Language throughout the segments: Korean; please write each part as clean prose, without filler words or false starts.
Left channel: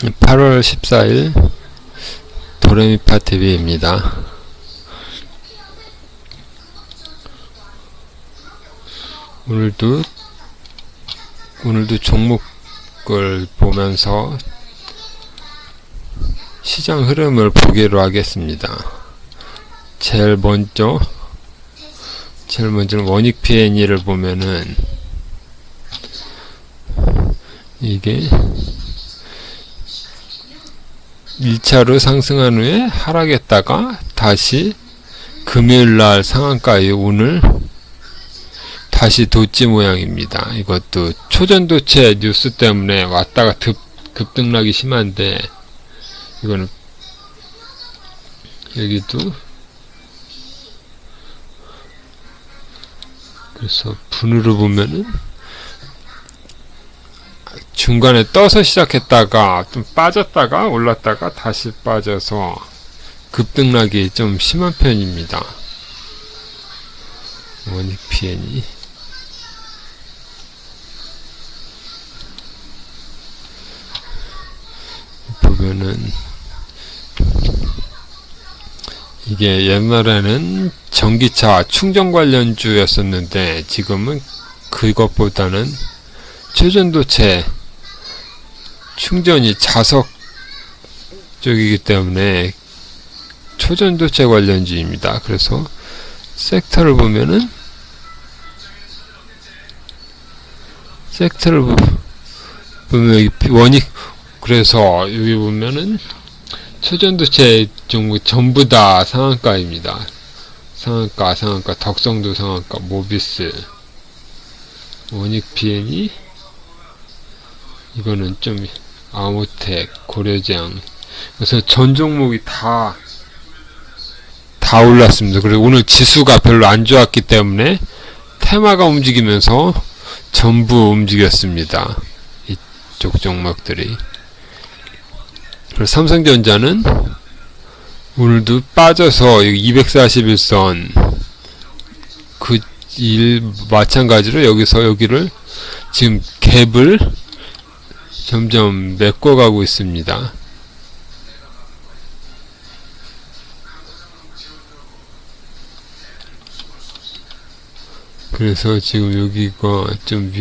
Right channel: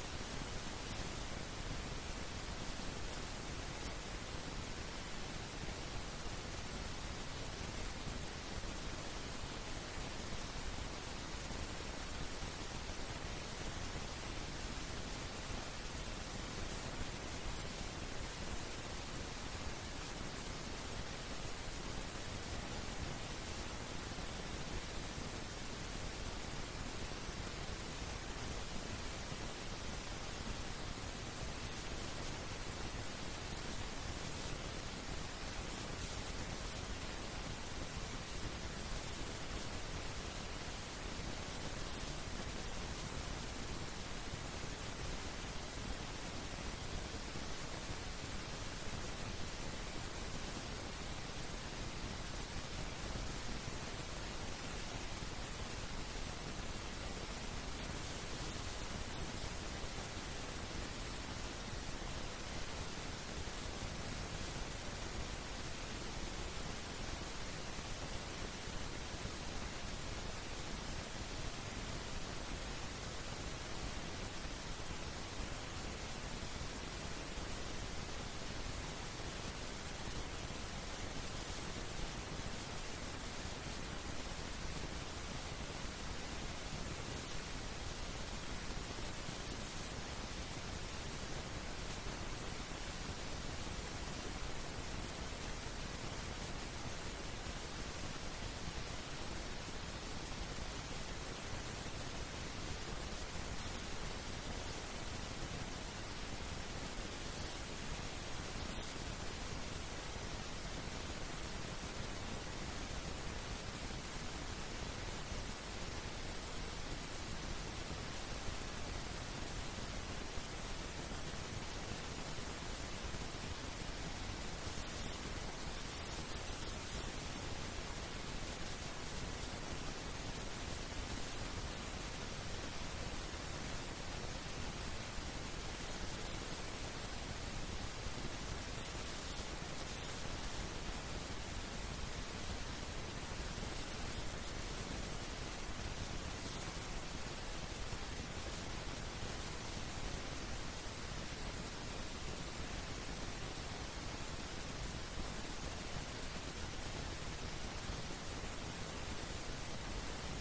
8월 14일 도레미파 TV입니다. 오늘도 종목을 보면서 시장 흐름을 보기로 하겠습니다. 제일 먼저 원익 P&E를 보면은 이게 1차로 상승한 후에 하락했다가 다시 금요일날 상한가에 오늘 다시 돋지 모양입니다. 이것도 초전도체 뉴스 때문에 왔다가 급등락이 심한데, 이거는 여기도 그래서 분으로 보면은 중간에 떠서 시작했다가 좀 빠졌다가 올랐다가 다시 빠져서 급등락이 좀 심한 편입니다. 원익 P&E 보면은 이게 옛날에는 전기차 충전 관련주였었는데 지금은 그것보다는 초전도체 충전이 자석 쪽이기 때문에 초전도체 관련주입니다. 그래서 섹터를 보면은 여기 원익, 그래서 여기 보면은 초전도체 종목 전부 다 상한가입니다. 상한가, 덕성도 상한가, 모비스, 원익 P&E, 이거는 좀 아모텍, 고려장. 그래서 전 종목이 다 올랐습니다. 그리고 오늘 지수가 별로 안 좋았기 때문에 테마가 움직이면서 전부 움직였습니다. 이쪽 종목들이. 그리고 삼성전자는 오늘도 빠져서 241선 마찬가지로 여기를 지금 갭을 점점 메꿔가고 있습니다. 그래서 지금 여기가 좀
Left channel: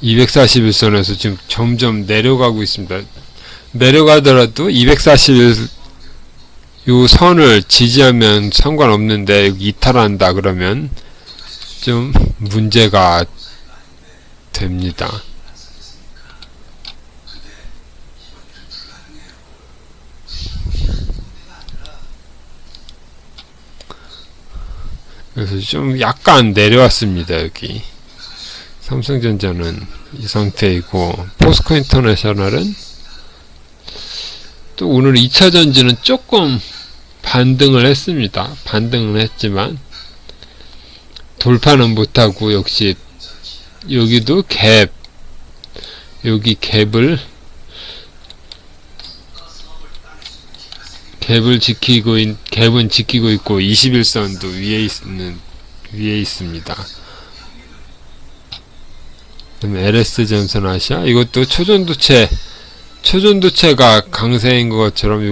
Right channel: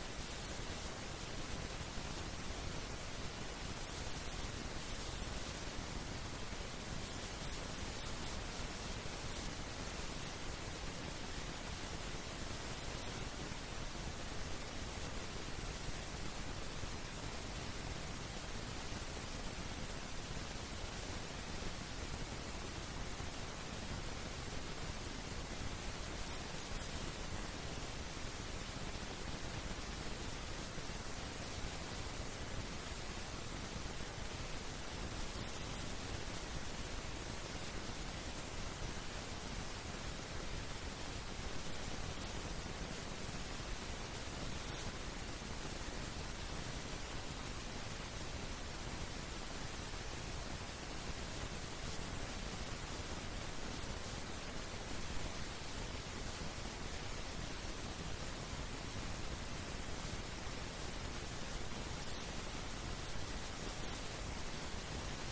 241선에서 지금 점점 내려가고 있습니다. 내려가더라도 241 요 선을 지지하면 상관없는데 여기 이탈한다 그러면 좀 문제가 됩니다. 그래서 좀 약간 내려왔습니다. 여기 삼성전자는 이 상태이고, 포스코 인터내셔널은 또 오늘 2차전지는 조금 반등을 했습니다. 반등을 했지만 돌파는 못하고, 역시 여기도 여기 갭은 지키고 있고 21선도 위에 있습니다. 그다음에 LS 전선 아시아, 이것도 초전도체가 강세인 것처럼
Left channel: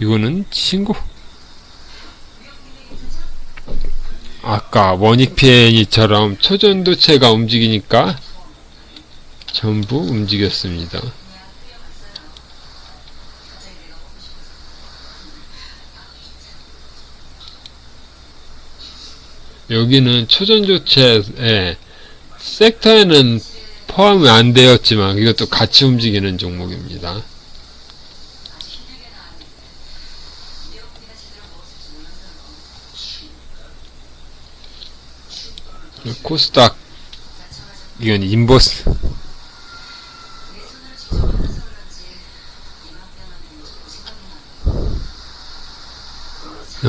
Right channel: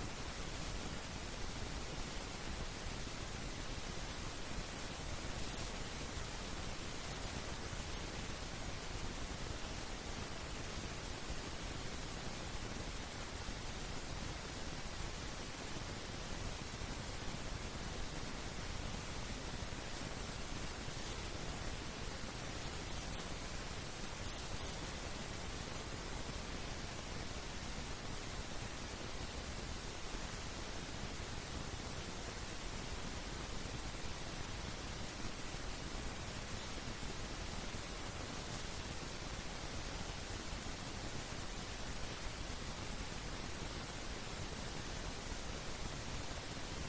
이거는 아까 원익 P&E처럼 초전도체가 움직이니까 전부 움직였습니다. 여기는 초전도체의 섹터에는 포함이 안 되었지만 이것도 같이 움직이는 종목입니다. 코스닥, 이건 인버스,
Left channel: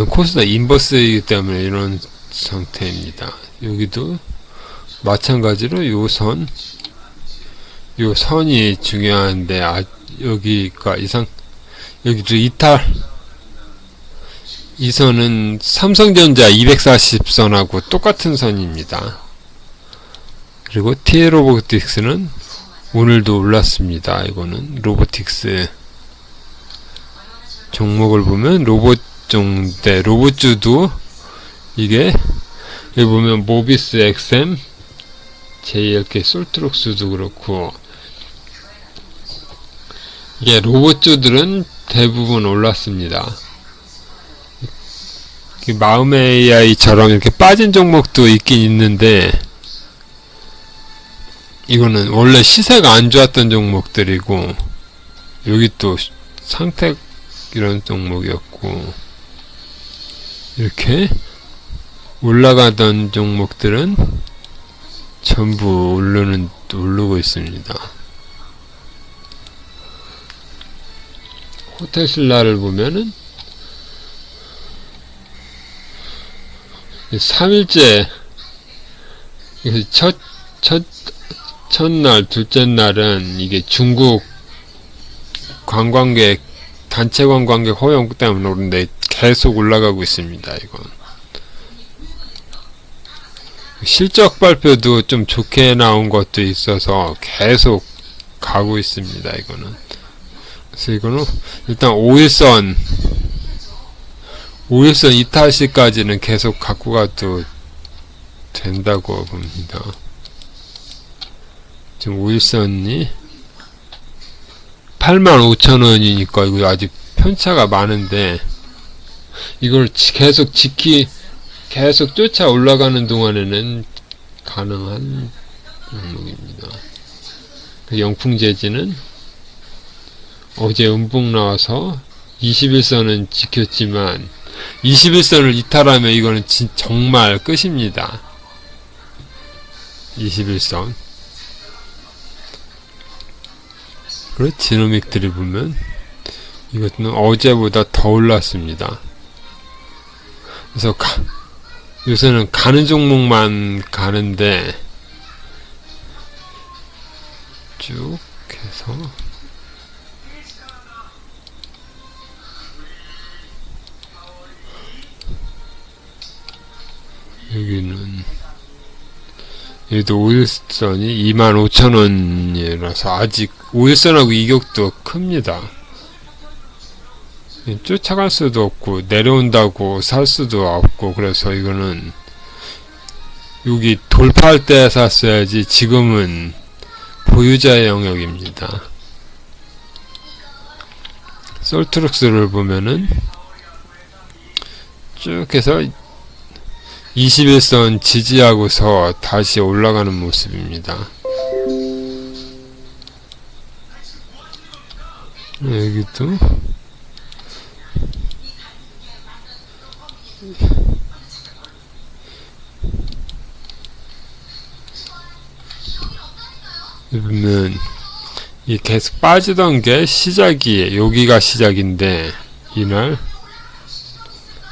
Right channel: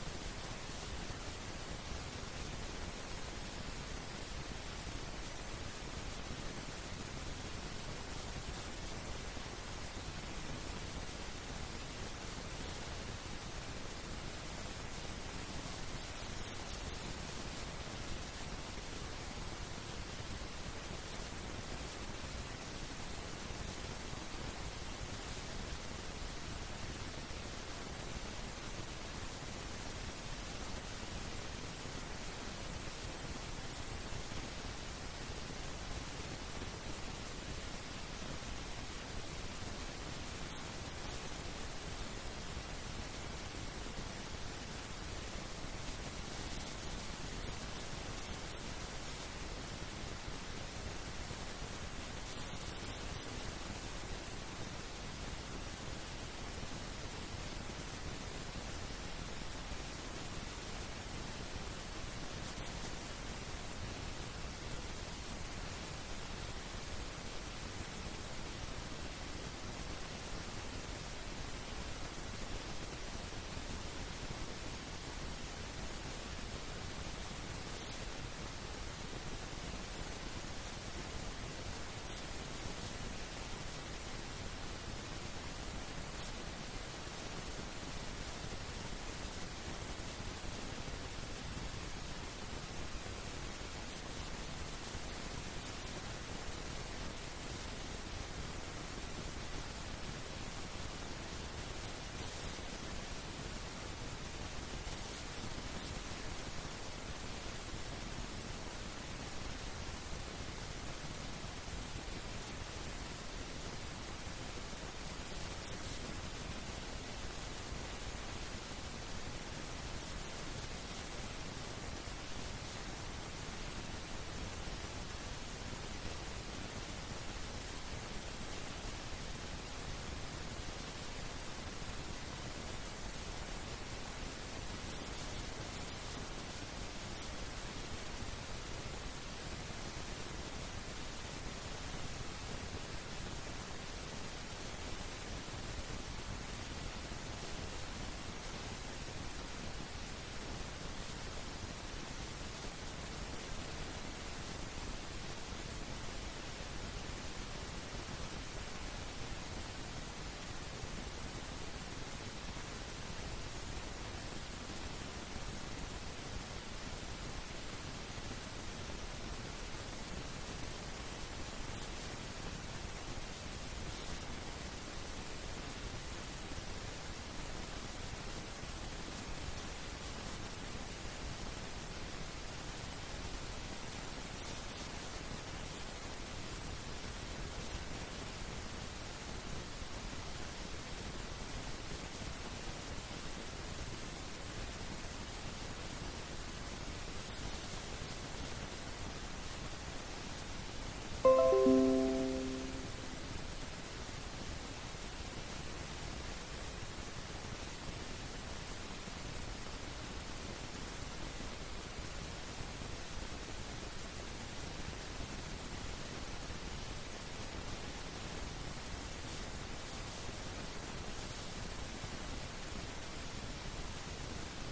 코스닥 인버스이기 때문에 이런 상태입니다. 여기도 마찬가지로 요 선이 중요한데, 여기가 여기도 이 선은 삼성전자 240선하고 똑같은 선입니다. 그리고 TL로보틱스는 오늘도 올랐습니다. 이거는 로보틱스 종목을 보면 로봇종대 로봇주도 이게 여기 보면 모비스 XM JLK 솔트록스도 그렇고 이게 로봇주들은 대부분 올랐습니다. 마음의 AI처럼 이렇게 빠진 종목도 있긴 있는데 이거는 원래 시세가 안 좋았던 종목들이고 여기 또 상택 이런 종목이었고 이렇게 올라가던 종목들은 전부 오르고 있습니다. 호텔신라를 보면은 3일째 첫날 둘째 날은 이게 중국 관광객 단체 관광객 허용 때문에 오른데 계속 올라가고 있습니다. 이건 실적 발표도 좀 좋게 나온 것도 있어서 계속 가고 있습니다. 이거는 그래서 이거는 일단 5일선 이탈시까지는 계속 갖고 가도 된다고 봅니다. 지금 5일선이 85,000원이니까 이거 아직 편차가 많은데 이걸 계속 계속 쫓아 올라가는 동안에는 가능한 종목입니다. 그 영풍재지는 어제 음봉 나와서 21선은 지켰지만 21선을 이탈하면 이거는 정말 끝입니다. 21선. 그리고 지노믹들이 보면 이것은 어제보다 더 올랐습니다. 그래서 요새는 가는 종목만 가는데 쭉 해서 여기도 5일선이 25,000원이라서 아직 5일선하고 이격도 큽니다. 쫓아갈 수도 없고 내려온다고 살 수도 없고 그래서 이거는 여기 돌파할 때 샀어야지 지금은 보유자의 영역입니다. 솔트룩스를 보면은 쭉 해서 21선 지지하고서 다시 올라가는 모습입니다. 여기도 보면 이 계속 빠지던 게 시작이에요. 여기가 시작인데 이날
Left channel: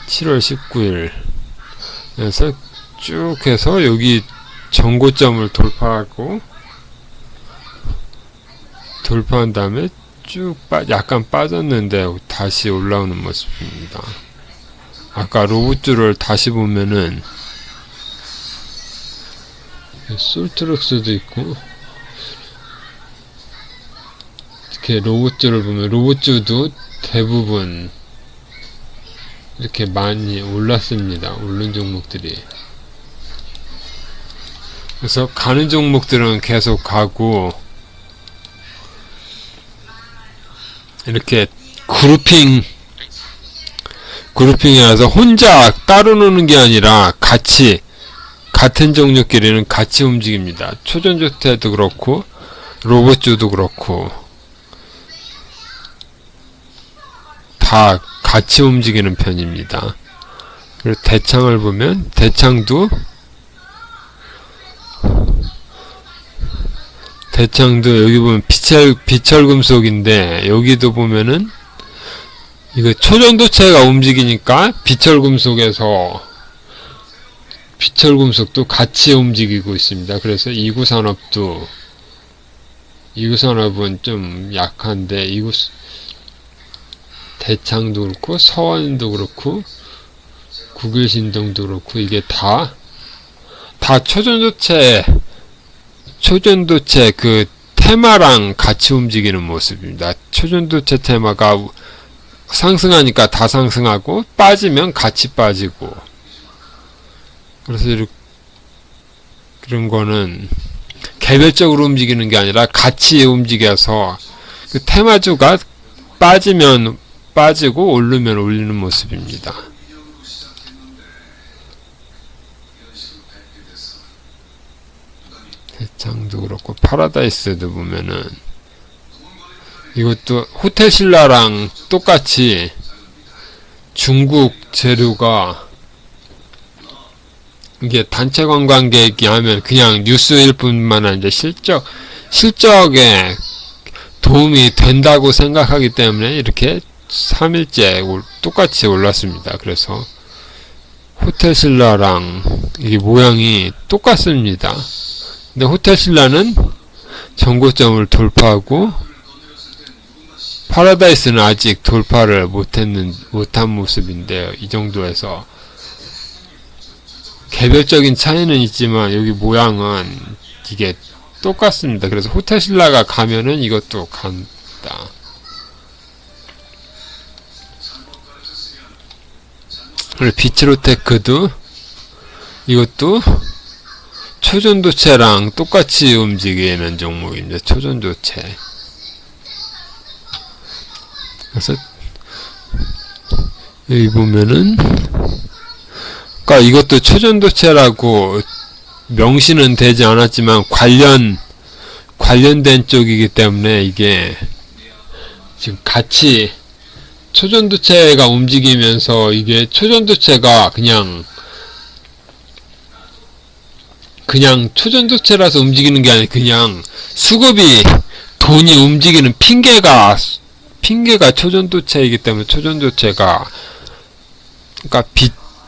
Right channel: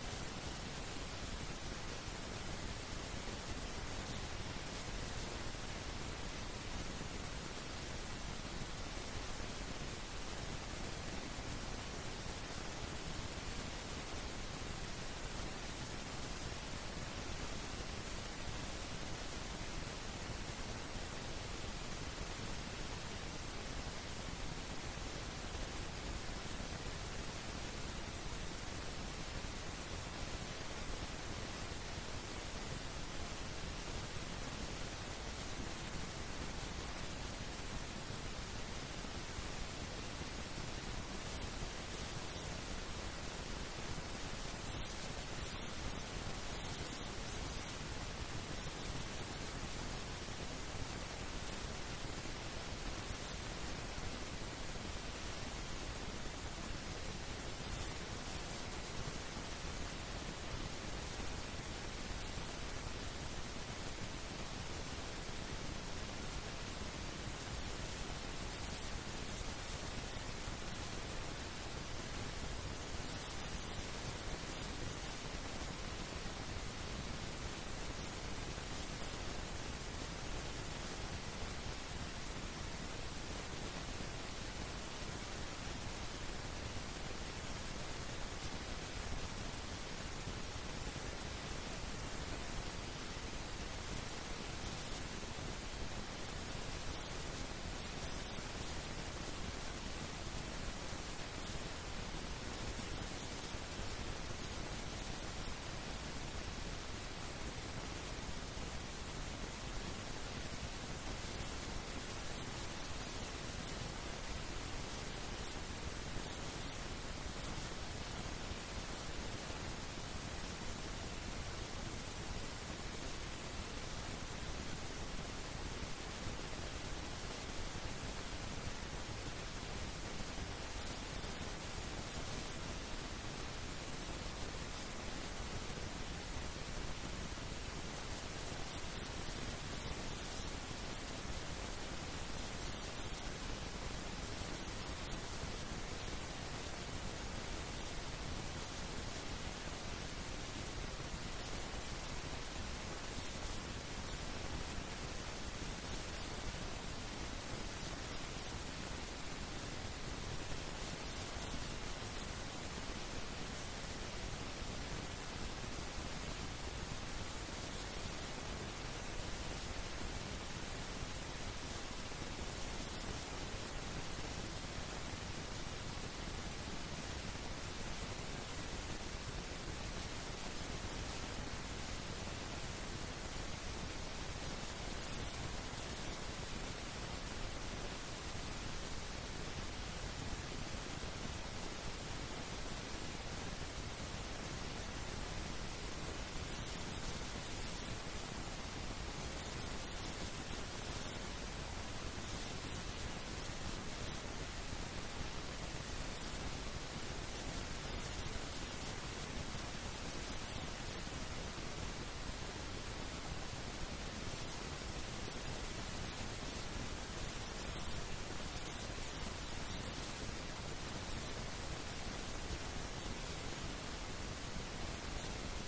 7월 19일 그래서 쭉 해서 여기 전고점을 돌파한 다음에 쭉 약간 빠졌는데 다시 올라오는 모습입니다. 아까 로봇줄을 다시 보면은 솔트럭스도 있고 이렇게 로봇줄을 보면 로봇줄도 대부분 이렇게 많이 올랐습니다. 오른 종목들이. 그래서 가는 종목들은 계속 가고 이렇게 그룹핑이라서 혼자 따로 노는 게 아니라 같은 종목끼리는 같이 움직입니다. 초전조태도 그렇고 로봇주도 그렇고 다 같이 움직이는 편입니다. 그리고 대창을 보면 대창도 여기 보면 비철금속인데 여기도 보면은 이거 초전도체가 움직이니까 비철금속도 같이 움직이고 있습니다. 그래서 이구산업은 좀 약한데 대창도 그렇고 서원도 그렇고 국일신동도 그렇고 이게 다 초전도체 그 테마랑 같이 움직이는 모습입니다. 초전도체 테마가 상승하니까 다 상승하고 빠지면 같이 빠지고, 그래서 이런 거는 개별적으로 움직이는 게 아니라 같이 움직여서 그 테마주가 빠지면 빠지고 오르면 올리는 모습입니다. 대창도 그렇고 파라다이스도 보면은 이것도 호텔신라랑 똑같이 중국 재료가, 이게 단체 관광객이 하면 그냥 뉴스일 뿐만 아니라 실적에 도움이 된다고 생각하기 때문에 이렇게 3일째 똑같이 올랐습니다. 그래서 호텔신라랑 이게 모양이 똑같습니다. 근데 호텔신라는 전고점을 돌파하고 파라다이스는 아직 돌파를 못한 모습인데요. 이 정도에서 개별적인 차이는 있지만 여기 모양은 이게 똑같습니다. 그래서 호텔신라가 가면은 이것도 간다. 그리고 비츠로테크도 이것도 초전도체랑 똑같이 움직이는 종목입니다. 초전도체. 그래서 여기 보면은 그러니까 이것도 초전도체라고 명시는 되지 않았지만 관련된 쪽이기 때문에 이게 지금 같이 초전도체가 움직이면서 이게 초전도체가 그냥 초전도체라서 움직이는 게 아니라 그냥 수급이 돈이 움직이는 핑계가 초전도체이기 때문에 초전도체가 그러니까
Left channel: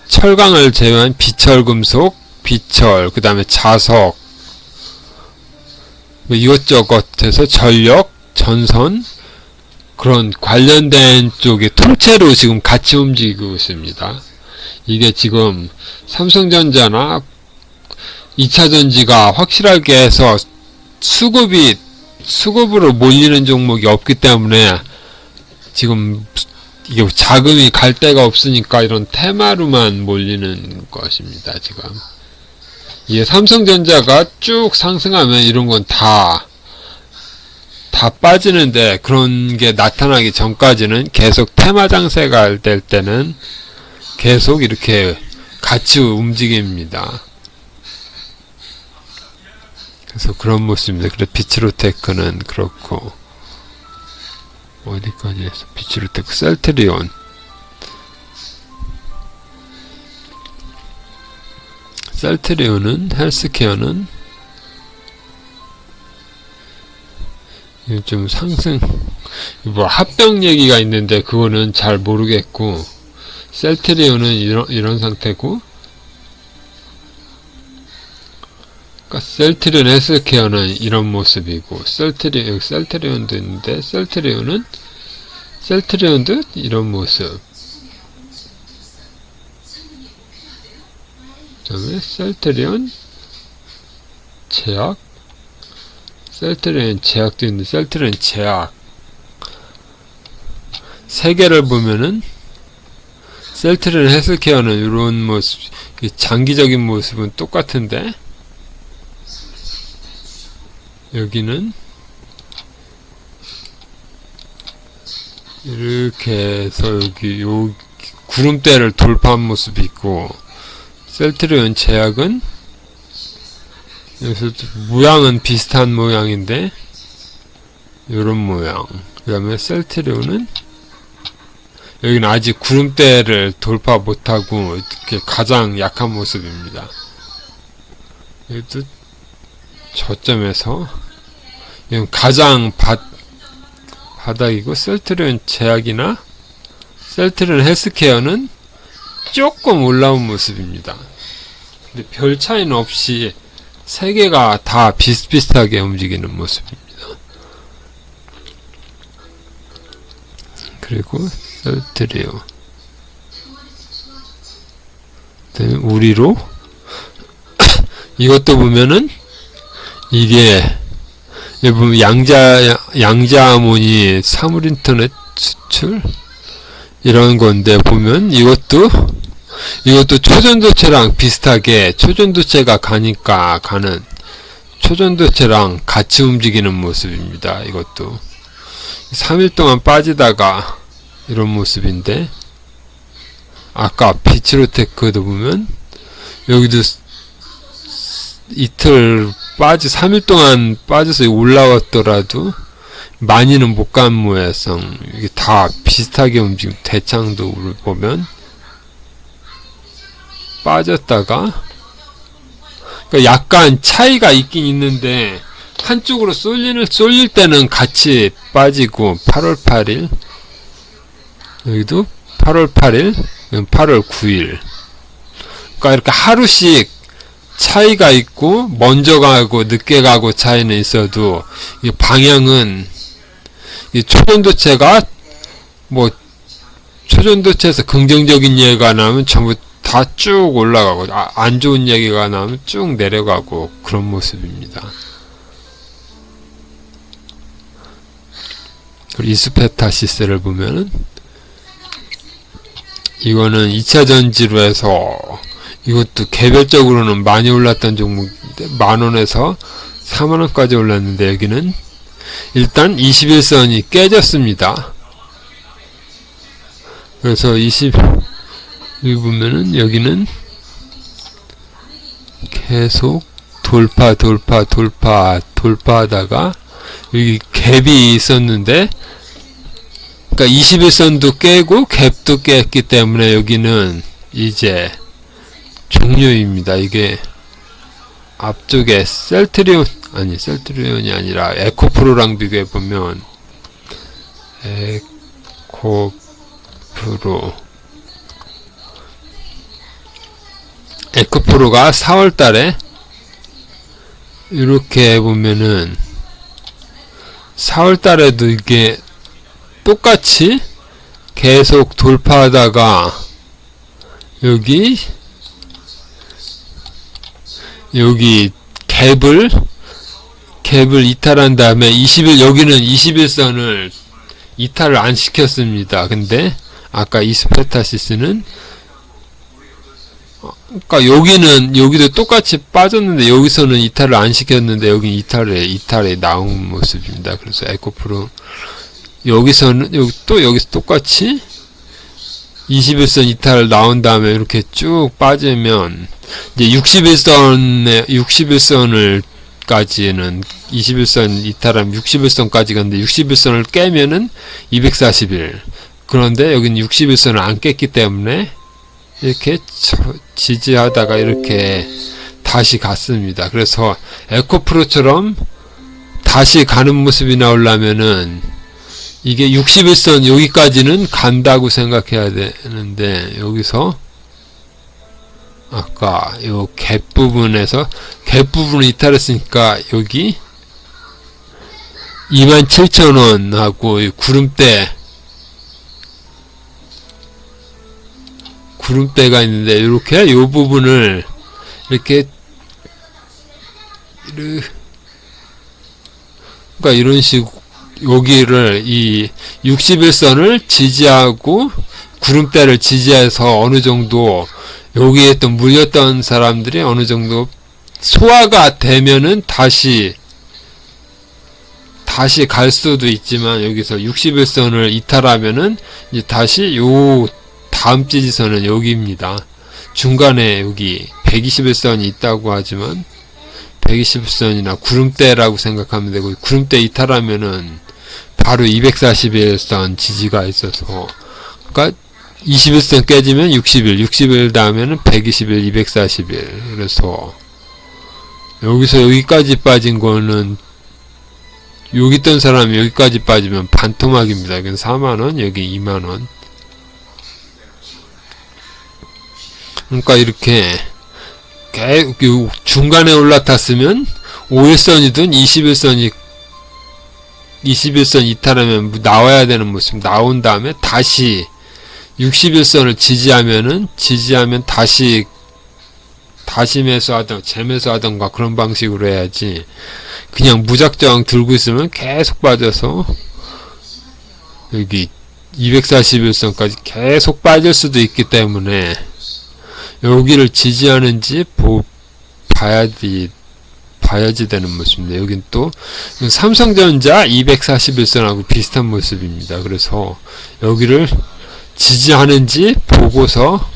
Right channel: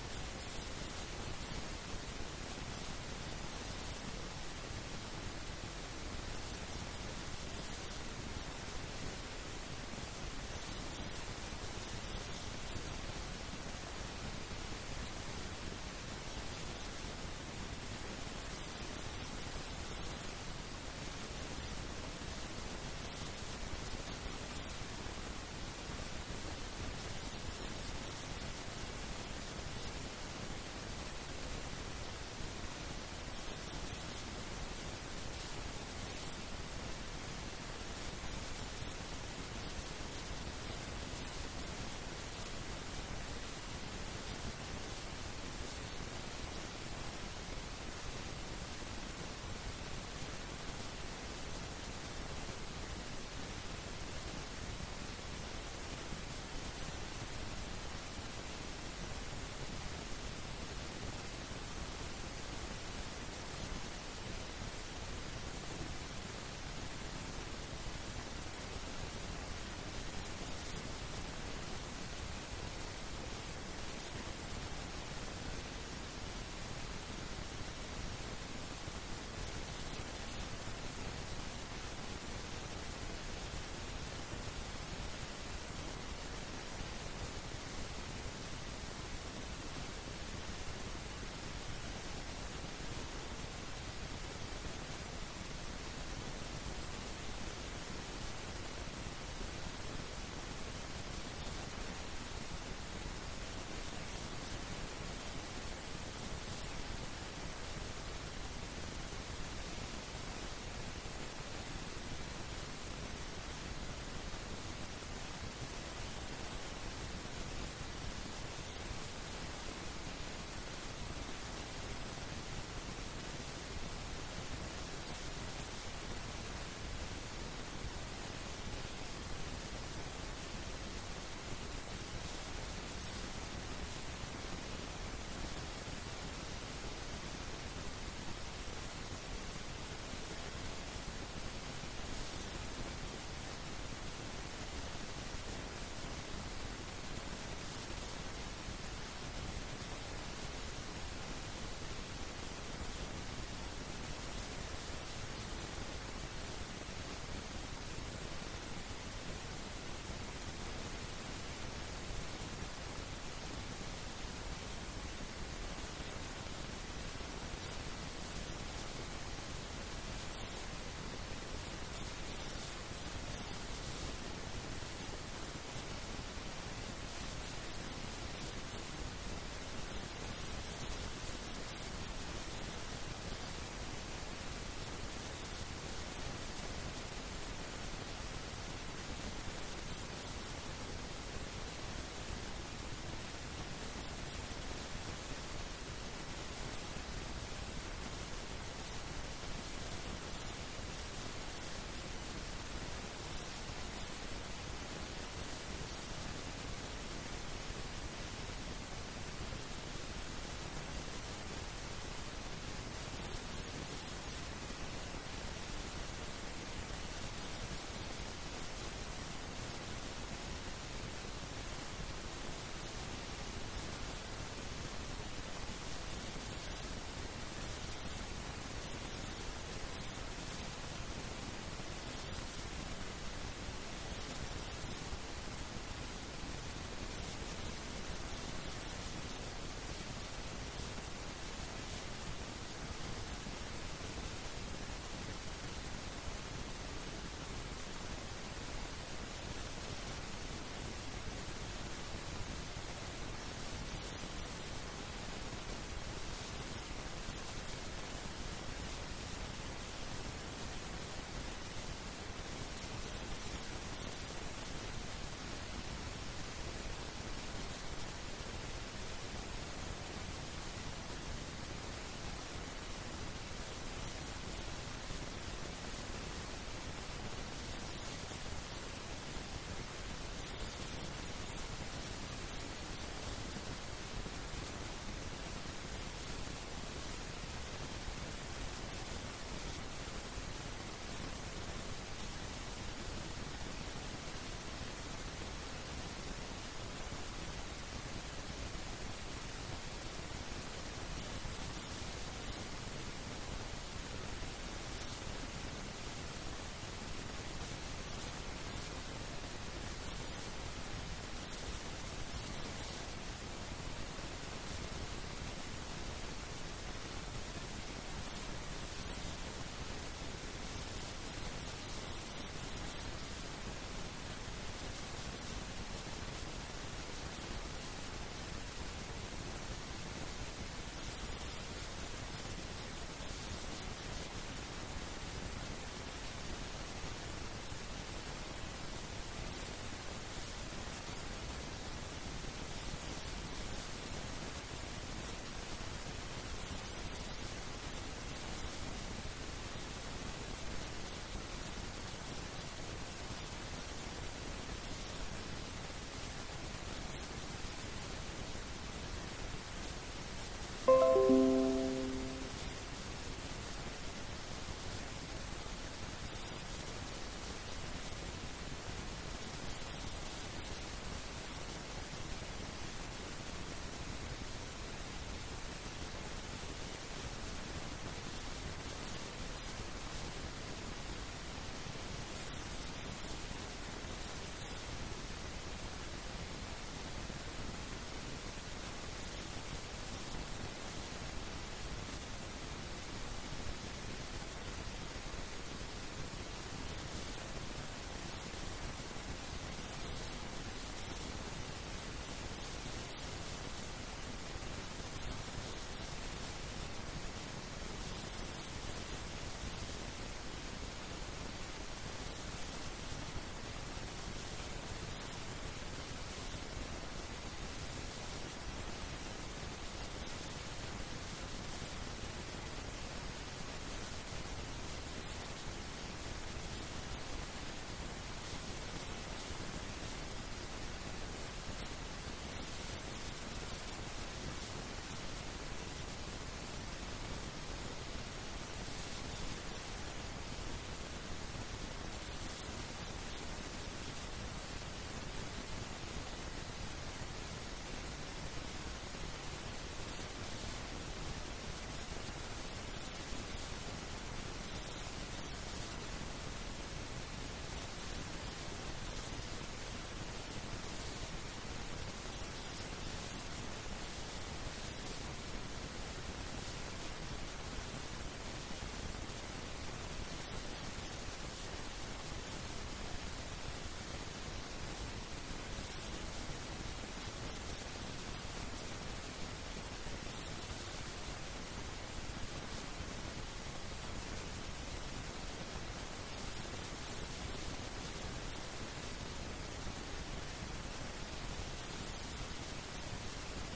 철강을 제외한 비철금속, 비철, 그 다음에 자석 뭐 이것저것 해서 전력, 전선 그런 관련된 쪽이 통째로 지금 같이 움직이고 있습니다. 이게 지금 삼성전자나 2차전지가 확실하게 해서 수급으로 몰리는 종목이 없기 때문에 지금 이게 자금이 갈 데가 없으니까 이런 테마로만 몰리는 것입니다. 지금 이게 삼성전자가 쭉 상승하면 이런 건 다 빠지는데, 그런 게 나타나기 전까지는 계속 테마 장세가 될 때는 계속 이렇게 같이 움직입니다. 그래서 그런 모습입니다. 그래서 비츠로테크는 그렇고, 어디까지 해서 비츠로테크, 셀트리온은 헬스케어는 좀 상승, 뭐 합병 얘기가 있는데 그거는 잘 모르겠고, 셀트리온은 이런 상태고, 그러니까 셀트리온 헬스케어는 이런 모습이고, 셀트리온도 있는데 셀트리온도 이런 모습. 그 다음에 셀트리온 제약, 셀트리온 제약도 있는데 셀트리온 제약 세 개를 보면은 셀트리온 헬스케어는 이런 모습, 장기적인 모습은 똑같은데 여기는 이렇게 해서 여기 요 구름대를 돌파한 모습이 있고, 셀트리온 제약은 여기서 모양은 비슷한 모양인데 요런 모양. 그 다음에 셀트리온은 여기는 아직 구름대를 돌파 못하고 이렇게 가장 약한 모습입니다. 여기도 저점에서 이건 가장 바닥이고, 셀트리온 제약이나 셀트리온 헬스케어는 조금 올라온 모습입니다. 근데 별 차이는 없이 세 개가 다 비슷비슷하게 움직이는 모습입니다. 그리고 셀트리온, 우리로 이것도 보면은 이게 여기 보면 양자암원이 사물인터넷 수출 이런 건데, 보면 이것도 초전도체랑 비슷하게 초전도체가 가니까 가는 초전도체랑 같이 움직이는 모습입니다. 이것도 3일 동안 빠지다가 이런 모습인데, 아까 비치로테크도 보면 여기도 이틀 3일 동안 빠져서 올라왔더라도 많이는 못 간 모양. 이게 다 비슷하게 움직임. 대창도 보면 빠졌다가, 그러니까 약간 차이가 있긴 있는데, 한쪽으로 쏠릴 때는 같이 빠지고, 8월 8일 여기도 8월 8일 8월 9일, 그러니까 이렇게 하루씩 차이가 있고, 먼저 가고 늦게 가고 차이는 있어도 이 방향은, 이 초전도체가 뭐 초전도체에서 긍정적인 얘기가 나오면 전부 다 쭉 올라가고, 안 좋은 얘기가 나오면 쭉 내려가고, 그런 모습입니다. 그리고 이스페타시스를 보면은, 이거는 2차 전지로 해서, 이것도 개별적으로는 많이 올랐던 종목인데, 10,000원에서 40,000원까지 올랐는데, 여기는 일단 21선이 깨졌습니다. 그래서 여기 보면은, 여기는 계속 돌파하다가 여기 갭이 있었는데, 그러니까 21선도 깨고 갭도 깼기 때문에 여기는 이제 종료입니다. 이게 앞쪽에 셀트리온이 아니라 에코프로랑 비교해 보면, 에코프로가 4월달에 이렇게 보면은 4월달에도 이게 똑같이 계속 돌파하다가 여기 갭을 이탈한 다음에 여기는 21선을 이탈을 안 시켰습니다. 근데 아까 이스페타시스는, 그러니까 여기도 똑같이 빠졌는데 여기서는 이탈을 안 시켰는데 여기 이탈에 나온 모습입니다. 그래서 에코프로 여기서 똑같이 21선 이탈 나온 다음에 이렇게 쭉 빠지면 이제 61선까지는 21선 이탈하면 61선까지 갔는데 61선을 깨면은 240일. 그런데 여기는 61선을 안 깼기 때문에 이렇게 지지하다가 이렇게 다시 갔습니다. 그래서 에코프로처럼 다시 가는 모습이 나오려면은 이게 61선 여기까지는 간다고 생각해야 되는데, 여기서 아까 요 갭 부분을 이탈했으니까 여기 27,000원하고 구름대가 있는데, 이렇게 요 부분을 이렇게 그러니까 이런 식으로 여기를 이 61선을 지지하고 구름대를 지지해서 어느 정도 여기에 또 물렸던 사람들이 어느 정도 소화가 되면은 다시 갈 수도 있지만, 여기서 61선을 이탈하면은 이제 다시 요 다음 지지선은 여기입니다. 중간에 여기 121선이 있다고 하지만 121선이나 구름대라고 생각하면 되고, 구름대 이탈하면은 바로 241선 지지가 있어서, 그러니까 21선 깨지면 60일 다음에는 120일, 240일. 그래서 여기서 여기까지 빠진 거는, 여기 있던 사람이 여기까지 빠지면 반토막입니다. 여기는 4만원, 여기 2만원. 그러니까 이렇게 중간에 올라탔으면 5일선이든 21선 이탈하면 나와야 되는 모습 나온 다음에 다시 61선을 지지하면 다시 매수하던가 재매수하던가 그런 방식으로 해야지. 그냥 무작정 들고 있으면 계속 빠져서 여기 241선까지 계속 빠질 수도 있기 때문에 여기를 지지하는지 봐야지 되는 모습입니다. 여긴 또 삼성전자 241선하고 비슷한 모습입니다. 그래서 여기를 지지하는지 보고서,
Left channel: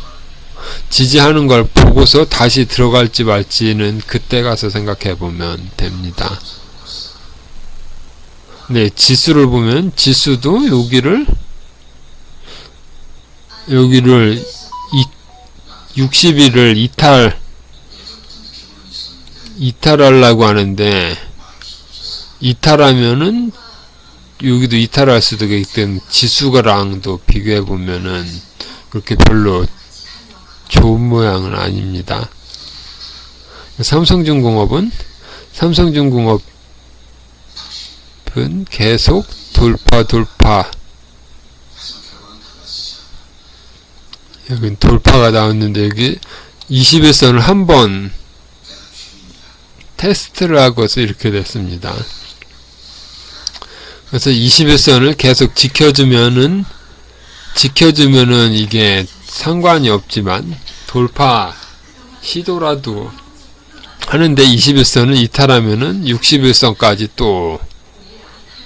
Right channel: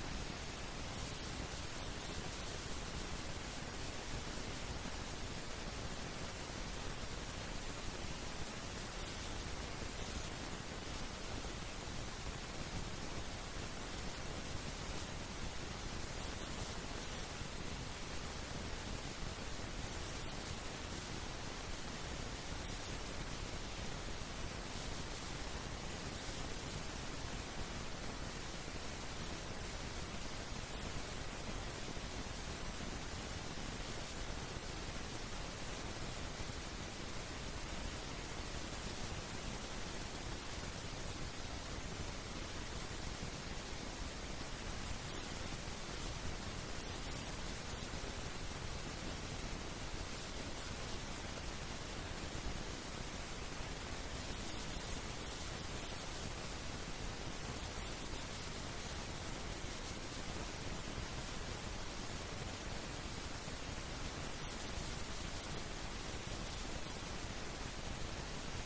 지지하는 걸 보고서 다시 들어갈지 말지는 그때 가서 생각해 보면 됩니다. 네, 지수를 보면 지수도 여기를 60일을 이탈하려고 하는데, 이탈하면은 여기도 이탈할 수도 있기 때문에 지수가랑도 비교해 보면은 그렇게 별로 좋은 모양은 아닙니다. 삼성중공업은 계속 돌파 여기 돌파가 나왔는데 여기 21선을 한번 테스트를 하고서 이렇게 됐습니다. 그래서 21선을 계속 지켜주면은 이게 상관이 없지만 돌파 시도라도 하는데 21선을 이탈하면은 61선까지 또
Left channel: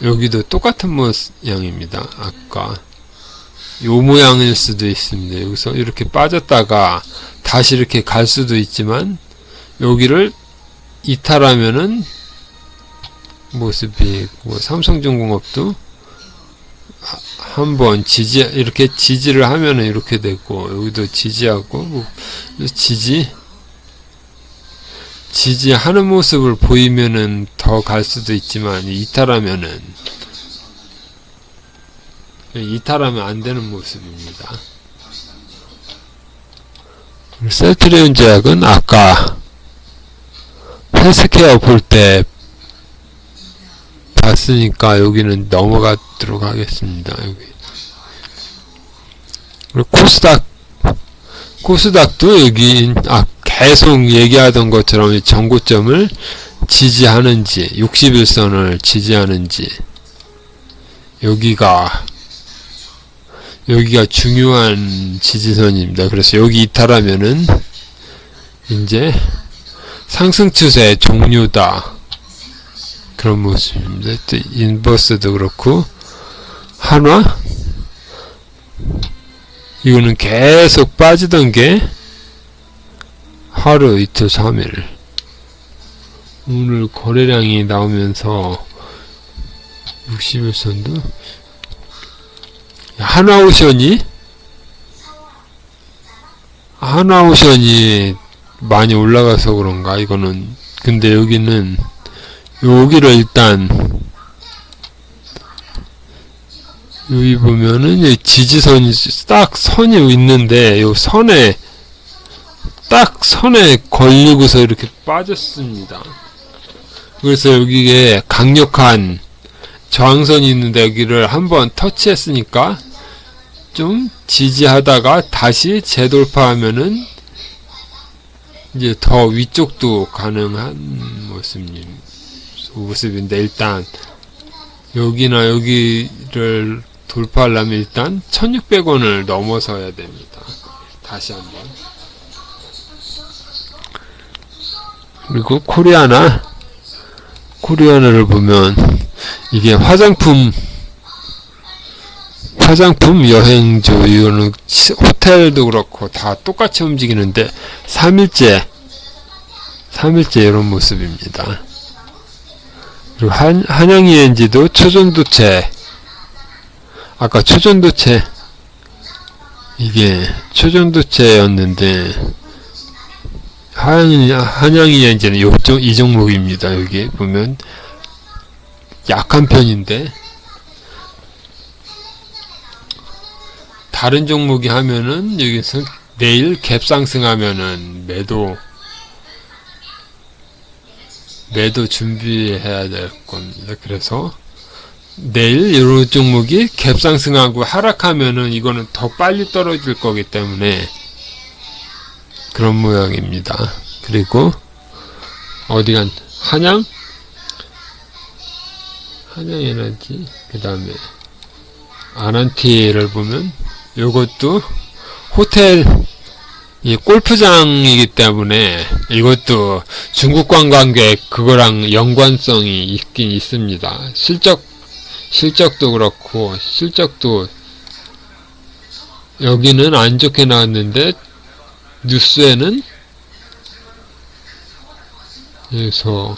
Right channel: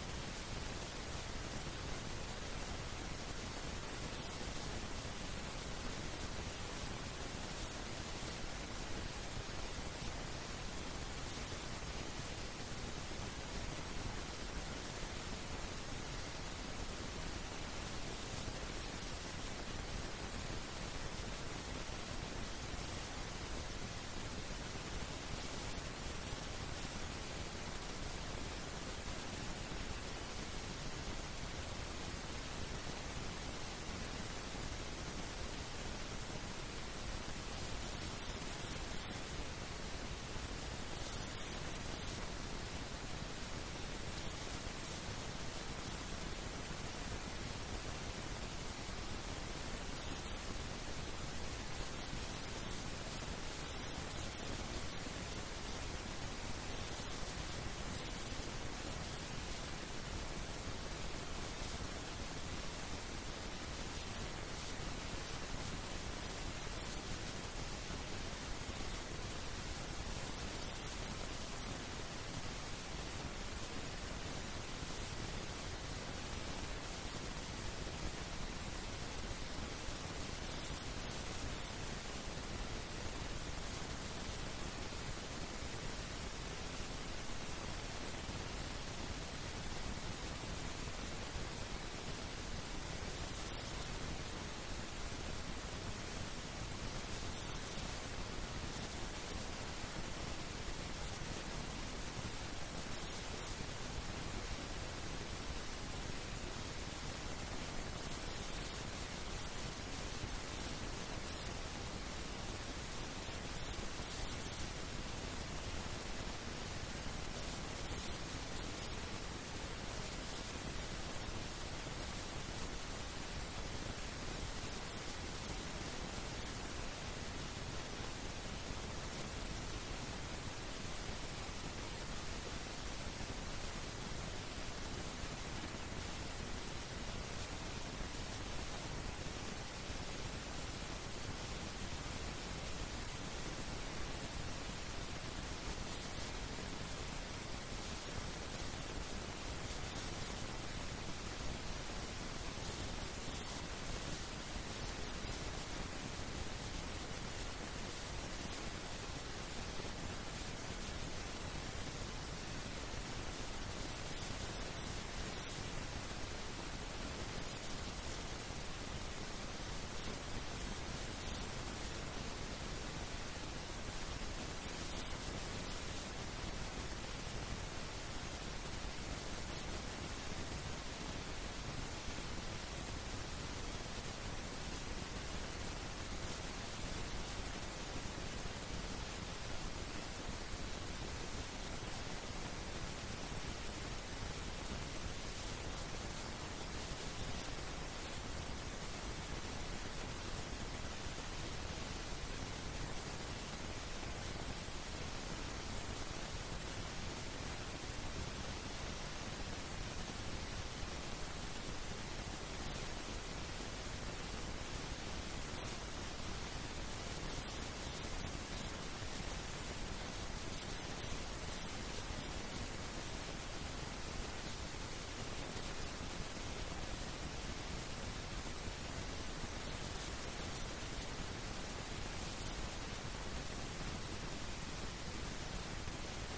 여기도 똑같은 모양입니다. 아까 요 모양일 수도 있습니다. 여기서 이렇게 빠졌다가 다시 이렇게 갈 수도 있지만 여기를 이탈하면은 모습이 삼성중공업도 한번 이렇게 지지를 하면은 이렇게 되고 여기도 지지하고 지지하는 모습을 보이면은 더 갈 수도 있지만 이탈하면 안 되는 모습입니다. 셀트리온 제약은 아까 헬스케어 볼 때 봤으니까 여기는 넘어가도록 하겠습니다. 여기. 그리고 코스닥도 여기 계속 얘기하던 것처럼 전고점을 지지하는지 61선을 지지하는지 여기가 중요한 지지선입니다. 그래서 여기 이탈하면은 이제 상승 추세 종료다. 그런 모습입니다. 또 인버스도 그렇고 한화 이거는 계속 빠지던 게 하루 이틀 3일 오늘 거래량이 나오면서 61선도 하나오션이 많이 올라가서 그런가 이거는. 근데 여기는 여기를 일단 여기 보면은 지지선이 딱 선이 있는데 요 선에 걸리고서 이렇게 빠졌습니다. 그래서 여기에 강력한 저항선이 있는데 여기를 한번 터치했으니까 좀 지지하다가 다시 재돌파하면은 이제 더 위쪽도 가능한 모습인데 일단 여기나 여기를 돌파하려면 일단 1600원을 넘어서야 됩니다. 다시 한번. 그리고 코리아나를 보면 이게 화장품 여행주 이거는 호텔도 그렇고 다 똑같이 움직이는데 3일째 이런 모습입니다. 그리고 한양ENG도 초전도체 아까 이게 초전도체였는데 한양ENG는 이 종목입니다. 여기 보면 약한 편인데 다른 종목이 하면은 여기서 내일 갭상승하면은 매도 준비해야 될 겁니다. 그래서 내일 이런 종목이 갭상승하고 하락하면은 이거는 더 빨리 떨어질 거기 때문에 그런 모양입니다. 그리고 어디간 한양에너지, 그 다음에 아난티를 보면 요것도 호텔 이 골프장이기 때문에 이것도 중국 관광객 그거랑 연관성이 있긴 있습니다. 실적도 그렇고 실적도 여기는 안 좋게 나왔는데 뉴스에는 그래서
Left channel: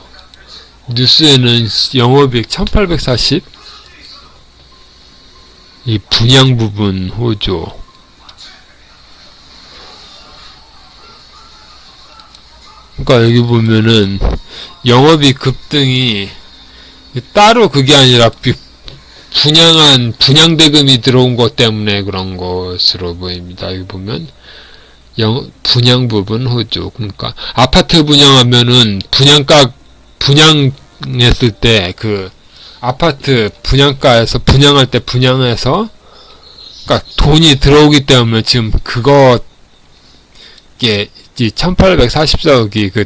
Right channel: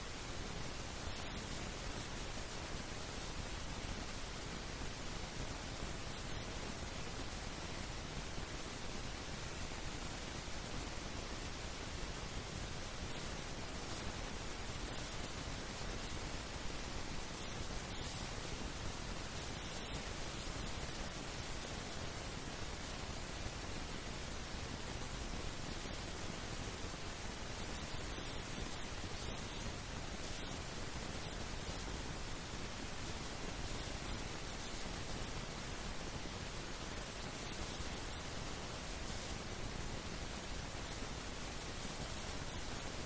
뉴스에는 영업이익 1840 이 분양 부분 호조 그러니까 여기 보면은 영업이익 급등이 따로 그게 아니라 분양대금이 들어온 것 때문에 그런 것으로 보입니다. 여기 보면 분양 부분 호조 그러니까 아파트 분양하면은 분양했을 때 그 아파트 분양가에서 분양할 때 분양해서 그러니까 돈이 들어오기 때문에 지금 그거 이게 1844억이 그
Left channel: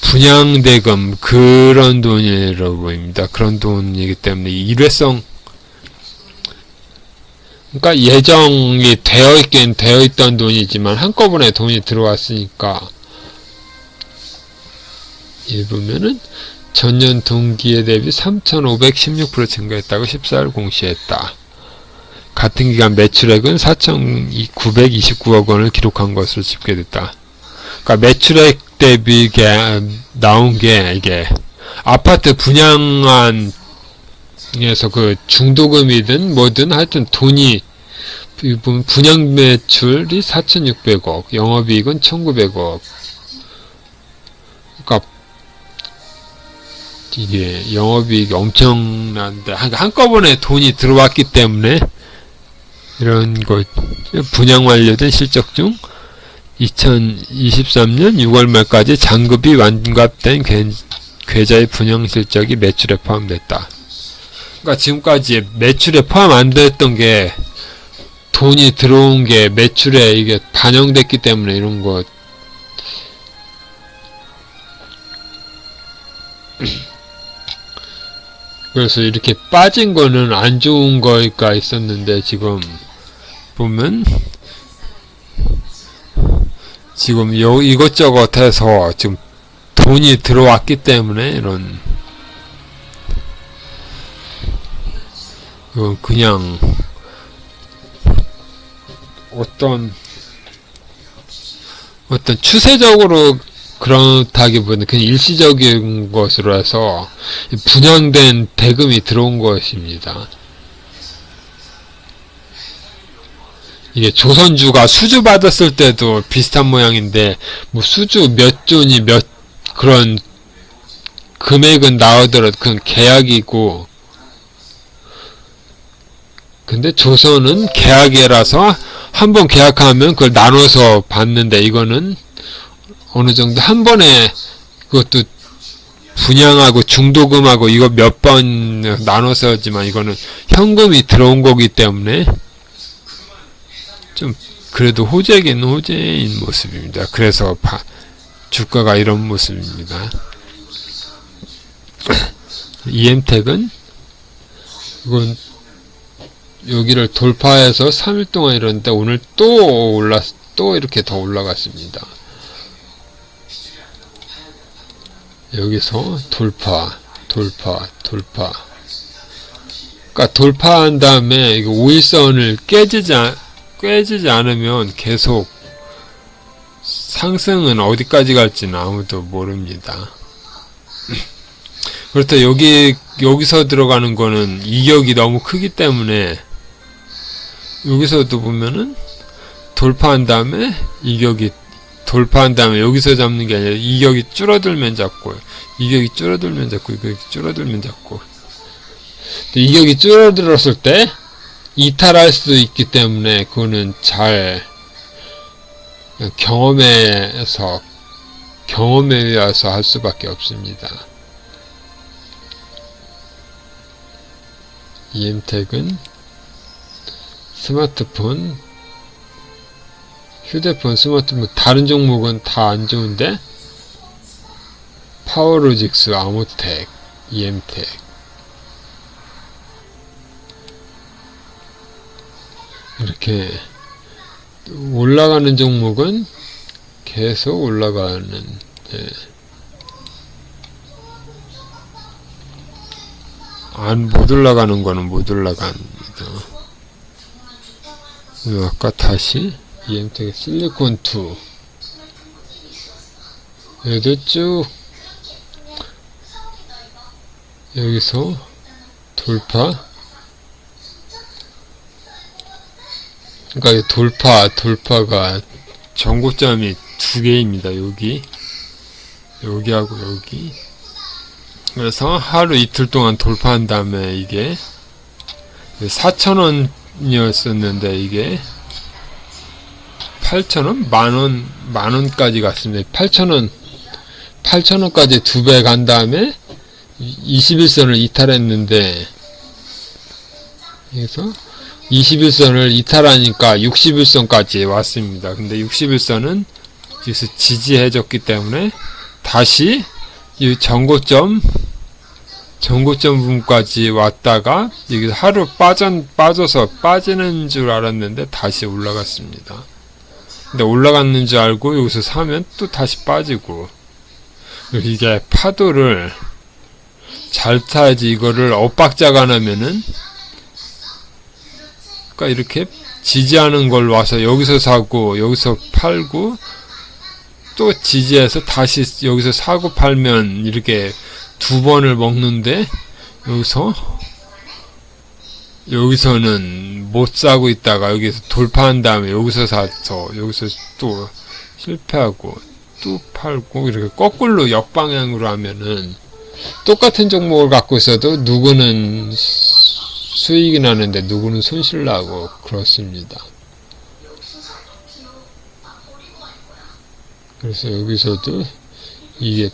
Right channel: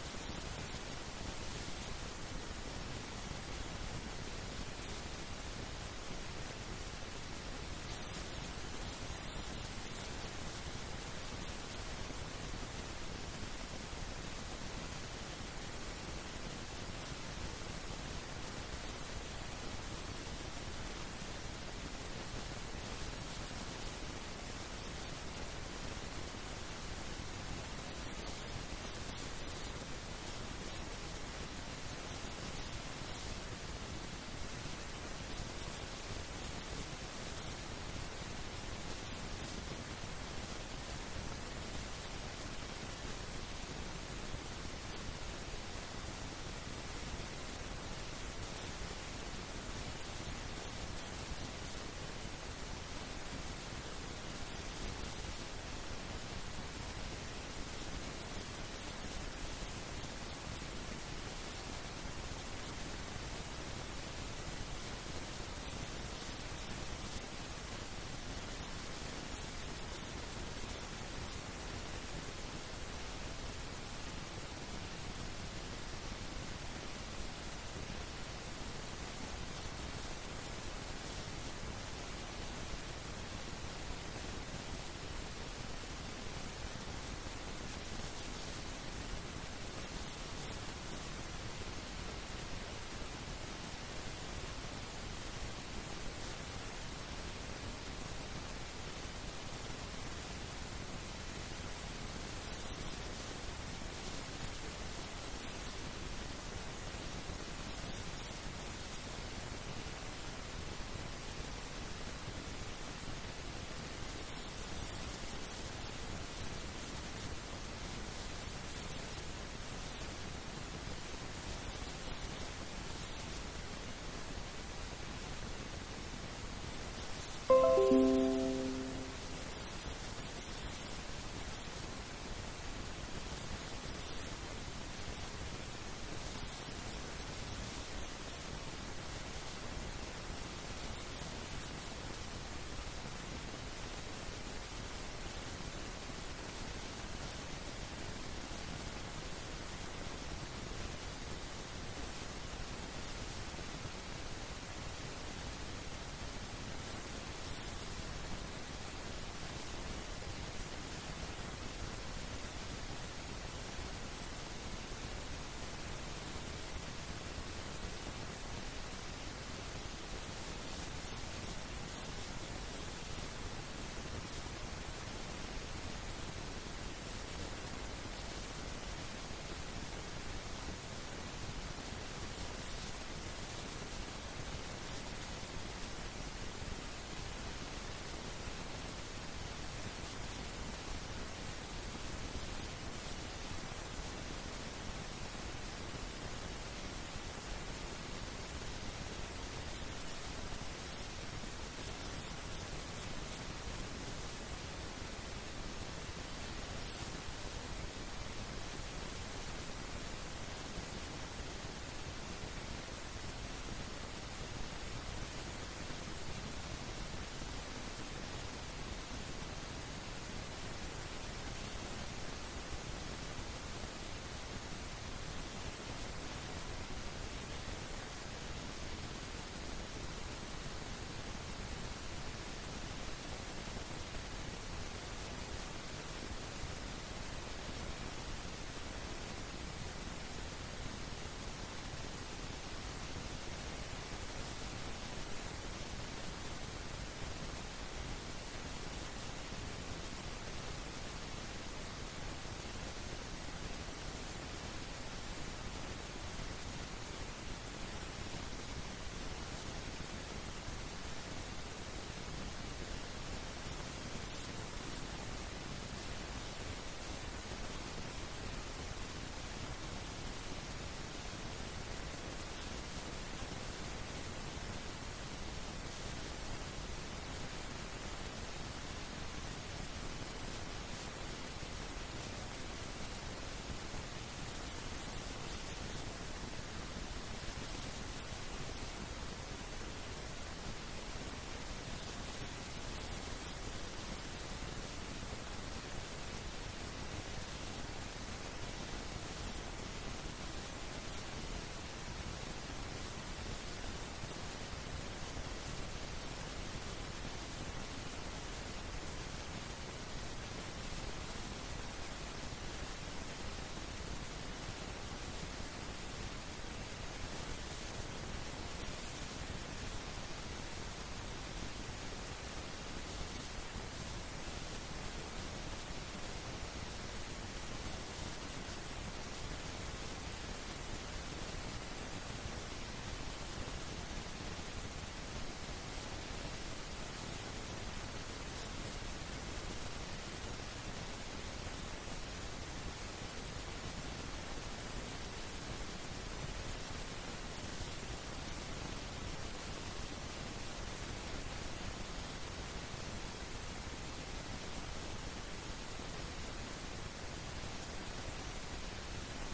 분양대금 그런 돈이라고 보입니다. 그런 돈이기 때문에 일회성 그러니까 예정이 되어 있던 돈이지만 한꺼번에 돈이 들어왔으니까 이 보면은 전년 동기에 대비 3,516% 증가했다고 14일 공시했다. 같은 기간 매출액은 4,929억 원을 기록한 것으로 집계됐다. 그러니까 매출액 대비 나온 게 이게 아파트 분양안에서 그 중도금이든 뭐든 하여튼 돈이 분양 매출이 4,600억, 영업이익은 1,900억. 그러니까 이게 영업이익이 엄청난데 한꺼번에 돈이 들어왔기 때문에 이런 거 분양 완료된 실적 중 2023년 6월 말까지 잔급이 완납된 계좌의 분양 실적이 매출에 포함됐다. 그러니까 지금까지 매출에 포함 안 됐던 게 돈이 들어온 게 매출에 이게 반영됐기 때문에 이런 거 그래서 이렇게 빠진 거는 안 좋은 거가 있었는데 지금 보면 지금 이것저것 해서 지금 돈이 들어왔기 때문에 이런 그냥 어떤 추세적으로 그렇다기보다는 그냥 일시적인 것으로 해서 분양된 대금이 들어온 것입니다. 이게 조선주가 수주 받았을 때도 비슷한 모양인데 뭐 수주 몇 존이 그런 금액은 나오더라도 그건 계약이고 근데 조선은 계약이라서 한번 계약하면 그걸 나눠서 받는데 이거는 어느 정도 한 번에 그것도 분양하고 중도금하고 이거 몇 번 나눠서지만 이거는 현금이 들어온 거기 때문에 좀 그래도 호재긴 호재인 모습입니다. 그래서 주가가 이런 모습입니다. EM택은 이건 여기를 돌파해서 3일 동안 이러는데 오늘 또 이렇게 더 올라갔습니다. 여기서 돌파. 그러니까 돌파한 다음에 이거 5일선을 깨지지 않으면 계속 상승은 어디까지 갈지는 아무도 모릅니다. 그렇다 여기서 들어가는 거는 이격이 너무 크기 때문에 여기서도 보면은 돌파한 다음에 여기서 잡는 게 아니라 이격이 줄어들면 잡고 이격이 줄어들면 잡고 이격이 줄어들었을 때 이탈할 수 있기 때문에 그거는 잘 경험에 의해서 할 수밖에 없습니다. EM택은 스마트폰, 휴대폰, 스마트폰 다른 종목은 다 안 좋은데 파워로직스, 아모텍, EM택 그렇게 올라가는 종목은 계속 올라가는, 예. 못 올라가는 거는 못 올라갑니다. 아까 다시 EM택의 실리콘2 얘도 쭉 여기서 돌파, 그러니까 돌파가 전고점이 두 개입니다. 여기하고 여기. 그래서 하루 이틀 동안 돌파한 다음에 이게 4,000원이었었는데 이게 8,000원? 만원까지 갔습니다. 8,000원까지 두 배 간 다음에 21선을 이탈했는데, 그래서 21선을 이탈하니까 61선까지 왔습니다. 근데 61선은 여기서 지지해줬기 때문에 다시 이 전고점 부분까지 왔다가 여기서 하루 빠져서 빠지는 줄 알았는데 다시 올라갔습니다. 근데 올라갔는 줄 알고 여기서 사면 또 다시 빠지고, 이게 파도를 잘 타야지. 이거를 엇박자가 나면은, 그러니까 이렇게 지지하는 걸 와서 여기서 사고 여기서 팔고 또 지지해서 다시 여기서 사고 팔면 이렇게 두 번을 먹는데, 여기서는 못 사고 있다가 여기서 돌파한 다음에 여기서 사서 여기서 또 실패하고 또 팔고, 이렇게 거꾸로 역방향으로 하면은 똑같은 종목을 갖고 있어도 누구는 수익이 나는데 누구는 손실 나고 그렇습니다. 그래서 여기서도 이게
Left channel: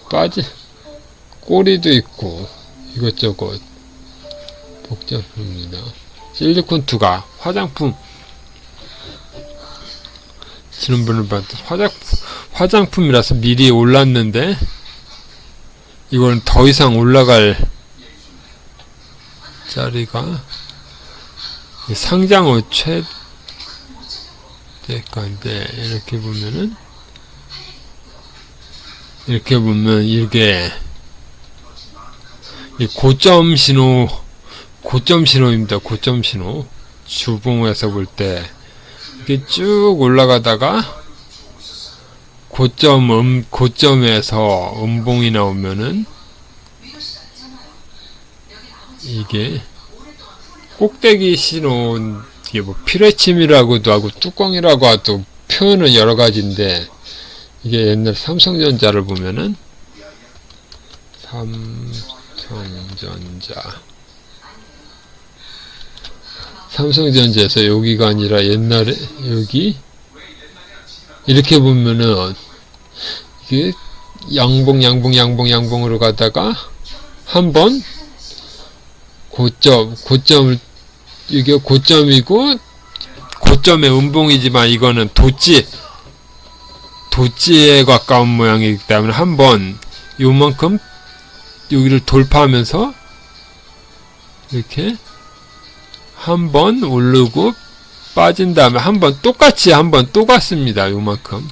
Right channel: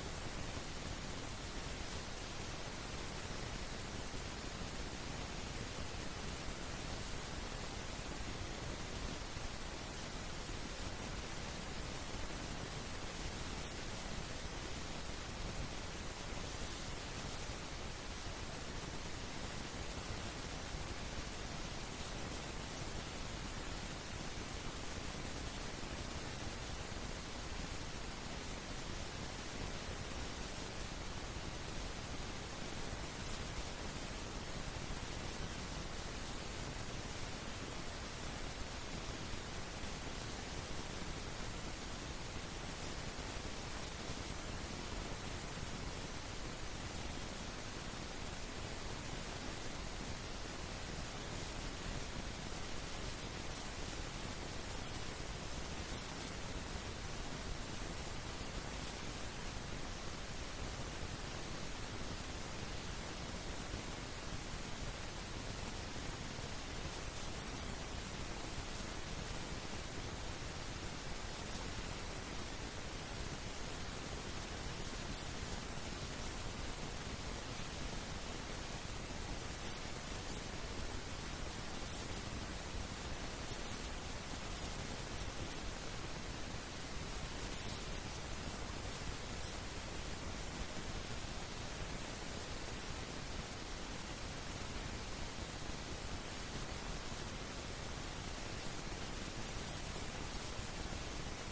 꼬리도 있고 이것저것 복잡합니다. 실리콘2가 화장품, 지난번에 봤던 화장품이라서 미리 올랐는데 이건 더 이상 올라갈 자리가 상장 후 최대가인데, 이렇게 보면 이게 고점 신호입니다. 고점 신호. 주봉에서 볼 때 이렇게 쭉 올라가다가 고점에서 음봉이 나오면은 이게 꼭대기 신호, 이게 뭐 피레침이라고도 하고 뚜껑이라고 하도 표현은 여러 가지인데, 이게 옛날 삼성전자를 보면은 삼성전자에서 여기가 아니라 옛날에 여기 이렇게 보면은 이게 양봉으로 가다가 한번 이게 고점이고 고점의 음봉이지만 이거는 도지에 가까운 모양이기 때문에 한번 요만큼 여기를 돌파하면서 이렇게 한번 오르고 빠진 다음에 한번 똑같이 한번 또 갔습니다. 요만큼.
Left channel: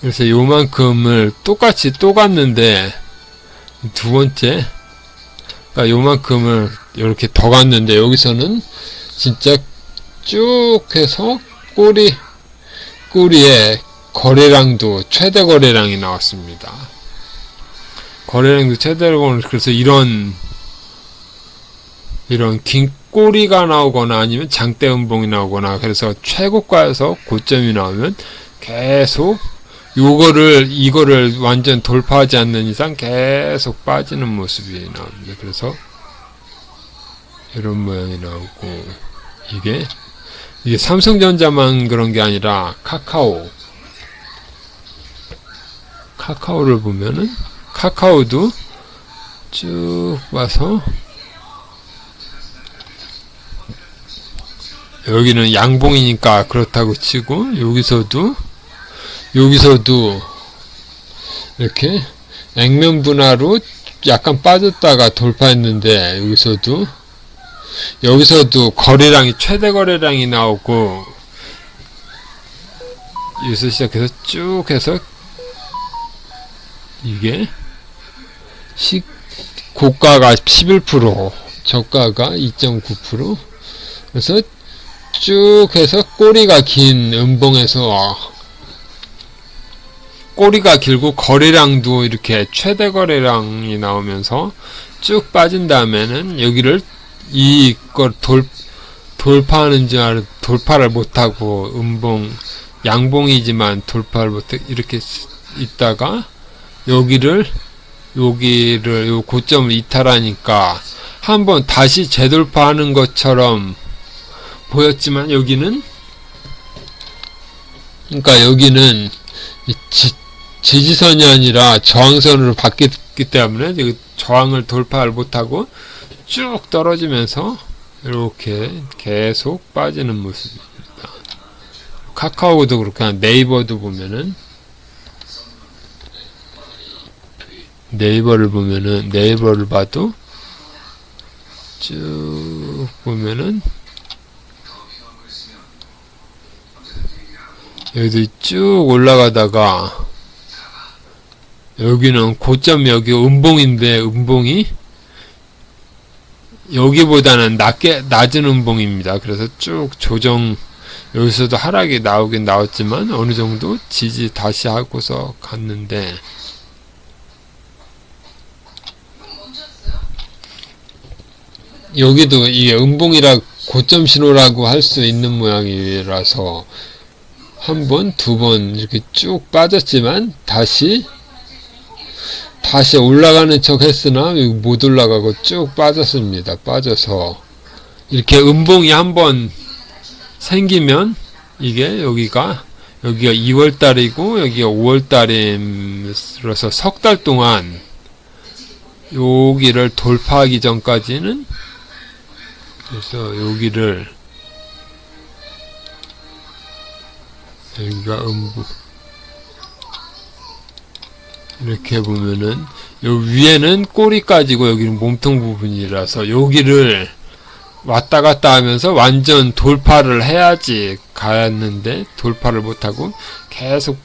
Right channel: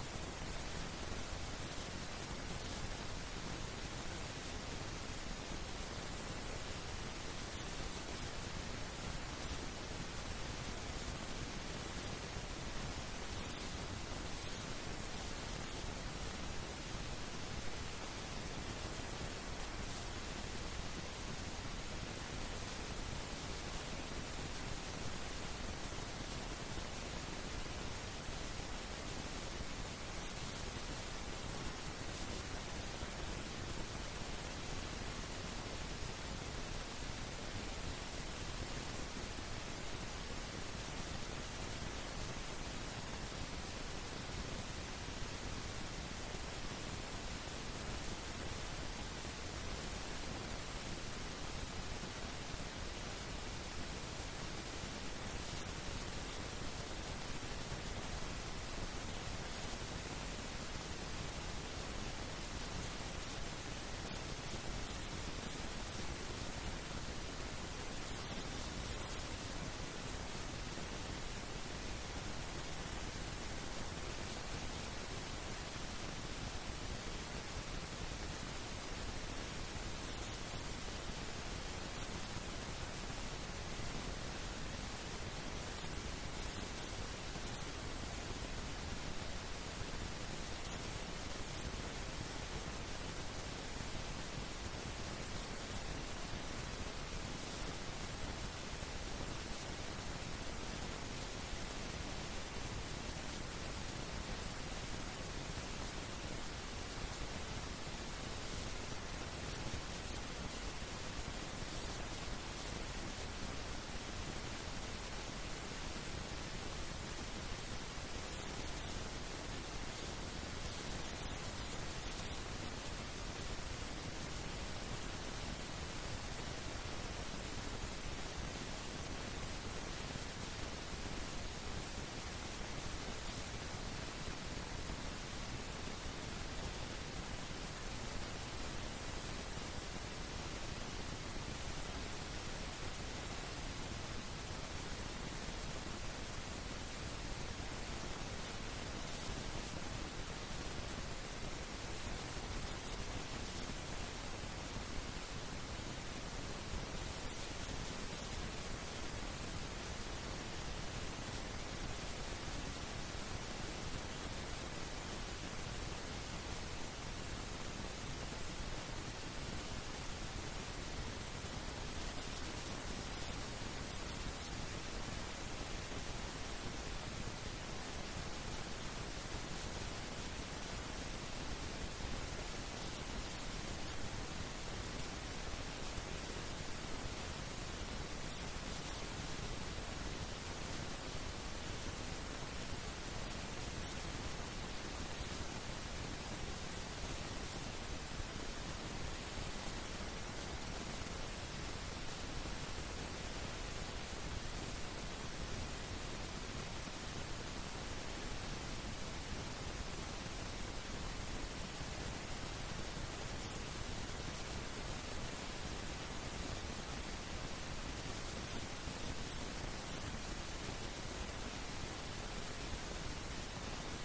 그래서 요만큼을 똑같이 또 갔는데, 두 번째, 그러니까 요만큼을 이렇게 더 갔는데, 여기서는 진짜 쭉 해서 꼬리에 거래량도 최대 거래량이 나왔습니다. 거래량도 최대 거래량. 그래서 이런 긴 꼬리가 나오거나 아니면 장대 음봉이 나오거나, 그래서 최고가에서 고점이 나오면 계속 이거를 완전 돌파하지 않는 이상 계속 빠지는 모습이 나옵니다. 그래서 이런 모양이 나오고, 이게 삼성전자만 그런 게 아니라 카카오를 보면은 카카오도 쭉 와서 여기는 양봉이니까 그렇다고 치고, 여기서도 이렇게 액면 분할로 약간 빠졌다가 돌파했는데 여기서도 거래량이 최대 거래량이 나오고 여기서 시작해서 쭉 해서 이게 고가가 11% 저가가 2.9% 그래서 쭉 해서 꼬리가 긴 음봉에서 꼬리가 길고 거래량도 이렇게 최대 거래량이 나오면서 쭉 빠진 다음에는 여기를 이걸 돌파하는 줄 알아 돌파를 못하고 양봉이지만 돌파를 못해 이렇게 있다가 여기를 요 고점을 이탈하니까 한번 다시 재돌파하는 것처럼 보였지만 여기는 지지선이 아니라 저항선으로 바뀌었기 때문에 저항을 돌파를 못하고 쭉 떨어지면서 이렇게 계속 빠지는 모습입니다. 카카오도 그렇고 네이버도 보면은 네이버를 봐도 쭉 보면은 여기도 쭉 올라가다가 여기는 고점 여기 음봉인데 음봉이 여기보다는 낮은 음봉입니다. 그래서 쭉 여기서도 하락이 나오긴 나왔지만 어느 정도 지지 다시 하고서 갔는데 여기도 이게 음봉이라 고점 신호라고 할 수 있는 모양이라서 한 번, 두 번 이렇게 쭉 빠졌지만 다시 올라가는 척 했으나 못 올라가고 쭉 빠졌습니다. 빠져서 이렇게 음봉이 한번 생기면 이게 여기가 2월달이고 여기가 5월달이라서 석 달 동안 여기를 돌파하기 전까지는 그래서 여기가 이렇게 보면은 요 위에는 꼬리까지고 여기는 몸통 부분이라서 여기를 왔다 갔다 하면서 완전 돌파를 해야지 가였는데 돌파를 못하고 계속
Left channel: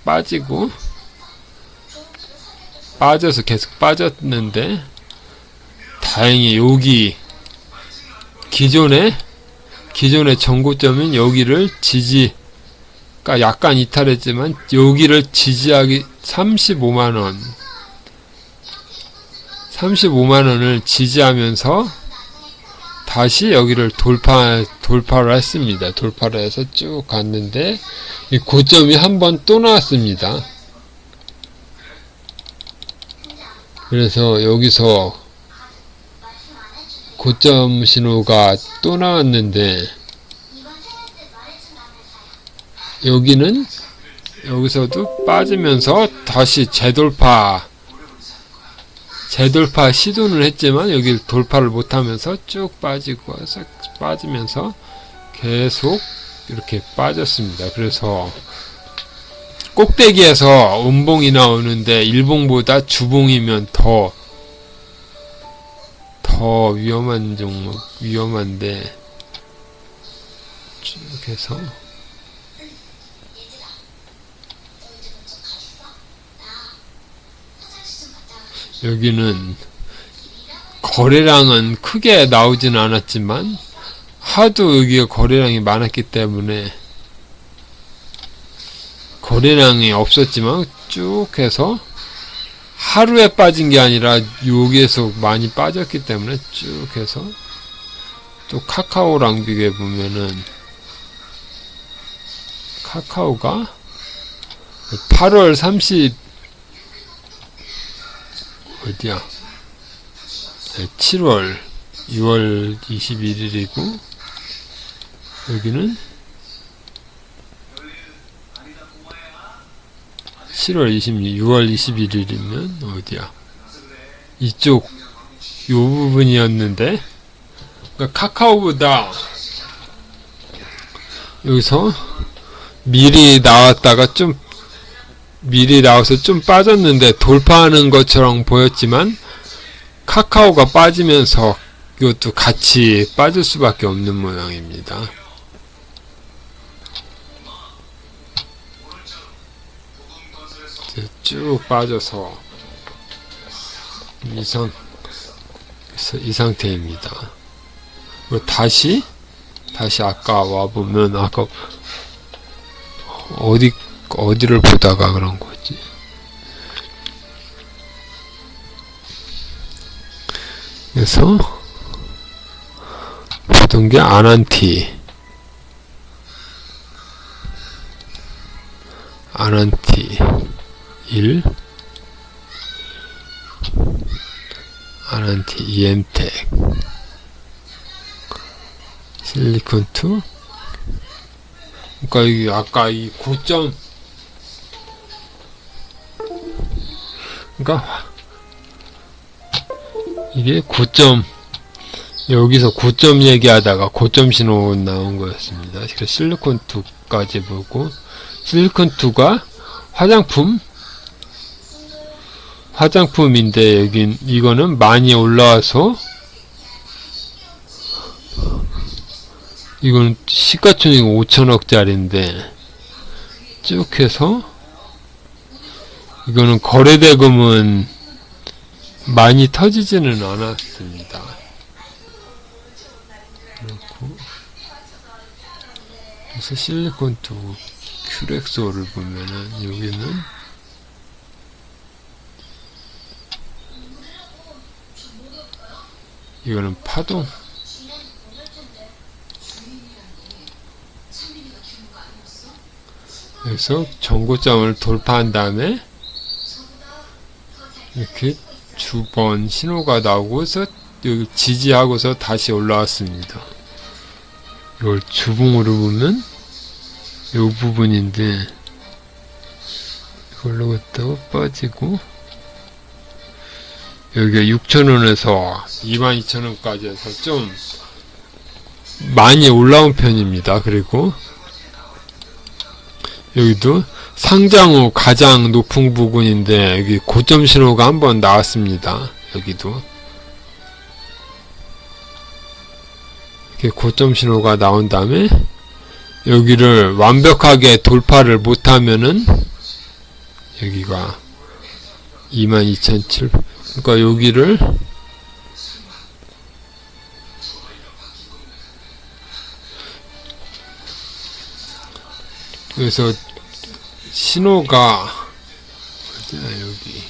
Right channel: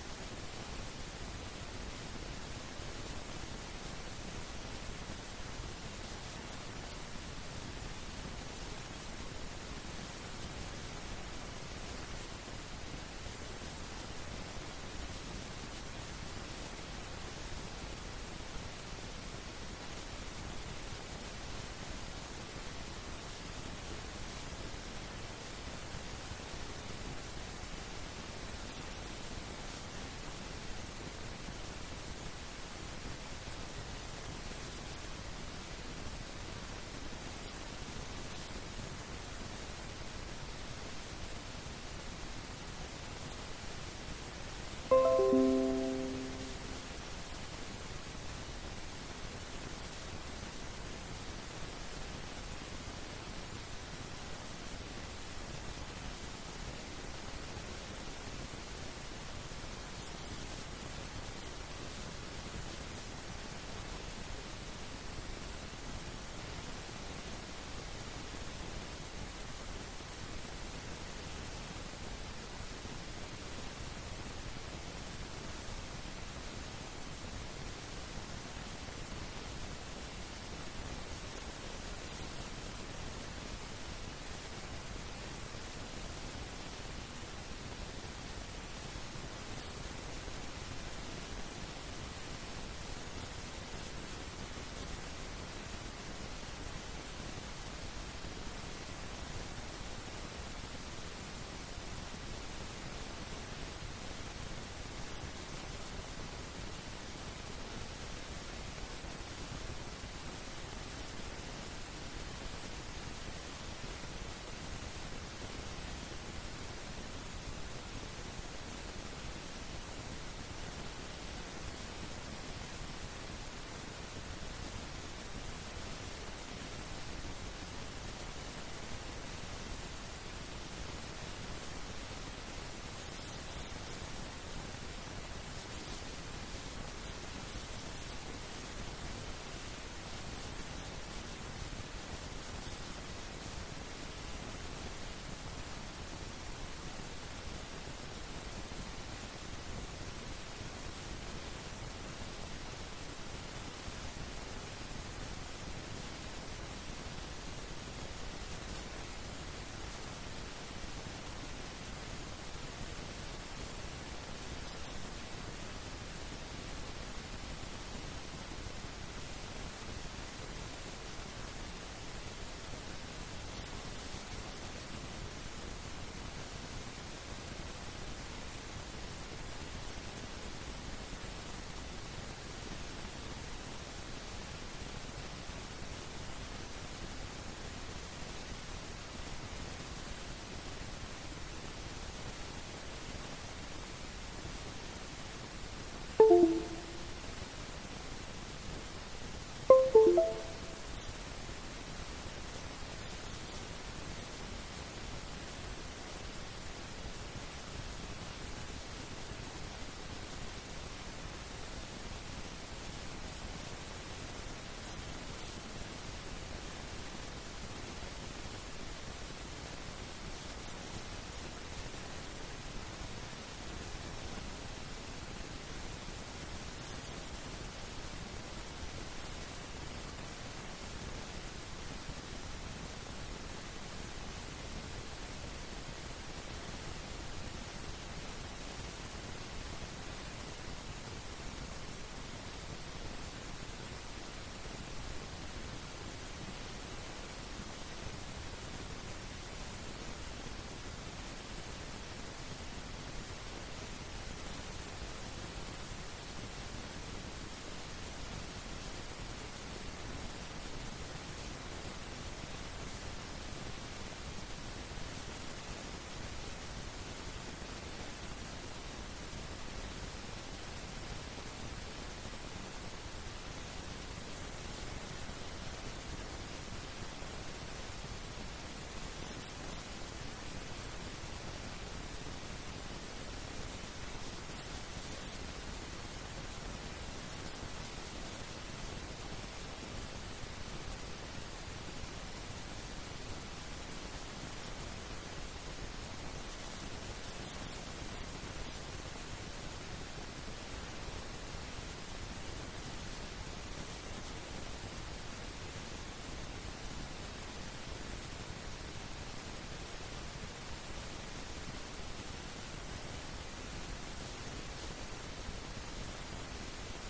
빠져서 계속 빠졌는데 다행히 여기 기존의 전고점은 여기를 그러니까 약간 이탈했지만 여기를 지지하기 35만원을 지지하면서 다시 여기를 돌파를 했습니다. 돌파를 해서 쭉 갔는데 이 고점이 한번 또 나왔습니다. 그래서 여기서 고점 신호가 또 나왔는데 여기서도 빠지면서 다시 재돌파 시도는 했지만 여기 돌파를 못하면서 쭉 빠지면서 계속 이렇게 빠졌습니다. 그래서 꼭대기에서 음봉이 나오는데 일봉보다 주봉이면 더 위험한 종목, 위험한데 쭉 해서 여기는 거래량은 크게 나오진 않았지만 하도 여기가 거래량이 많았기 때문에 거래량이 없었지만 쭉 해서 하루에 빠진 게 아니라 여기에서 많이 빠졌기 때문에 쭉 해서 또 카카오랑 비교해 보면은 카카오가 8월 30 어디야 7월 6월 21일이고 여기는 7월 26일 6월 21일이면 어디야 이쪽 요 부분이었는데 그러니까 카카오보다 여기서 미리 나와서 좀 빠졌는데 돌파하는 것처럼 보였지만 카카오가 빠지면서 이것도 같이 빠질 수밖에 없는 모양입니다. 쭉 빠져서 이 상태입니다. 다시 아까 와보면 아까 어디를 보다가 그런 거지? 그래서 보던 게 아난티 1, 아난티 이엔텍, 실리콘2. 그러니까 이게 아까 이 고점, 그러니까 이게 고점, 여기서 고점 얘기하다가 고점 신호 나온 거였습니다. 그래서 실리콘2까지 보고, 실리콘2가 화장품인데 이거는 많이 올라와서 이건 시가총액 5천억짜리인데 쭉 해서 이거는 거래대금은 많이 터지지는 않았습니다. 그래서 실리콘2 큐렉소를 보면은 여기는 이거는 파동, 그래서 전고점을 돌파한 다음에 이렇게 두 번 신호가 나오고서 여기 지지하고서 다시 올라왔습니다. 이걸 주봉으로 보면 이 부분인데 이걸로 갔다가 빠지고 여기가 6,000원에서 22,000원까지 해서 좀 많이 올라온 편입니다. 그리고 여기도 상장 후 가장 높은 부분인데 여기 고점 신호가 한번 나왔습니다. 여기도 이렇게 고점 신호가 나온 다음에 여기를 완벽하게 돌파를 못하면은 여기가 22,700, 그러니까 여기를 그래서 신호가 여기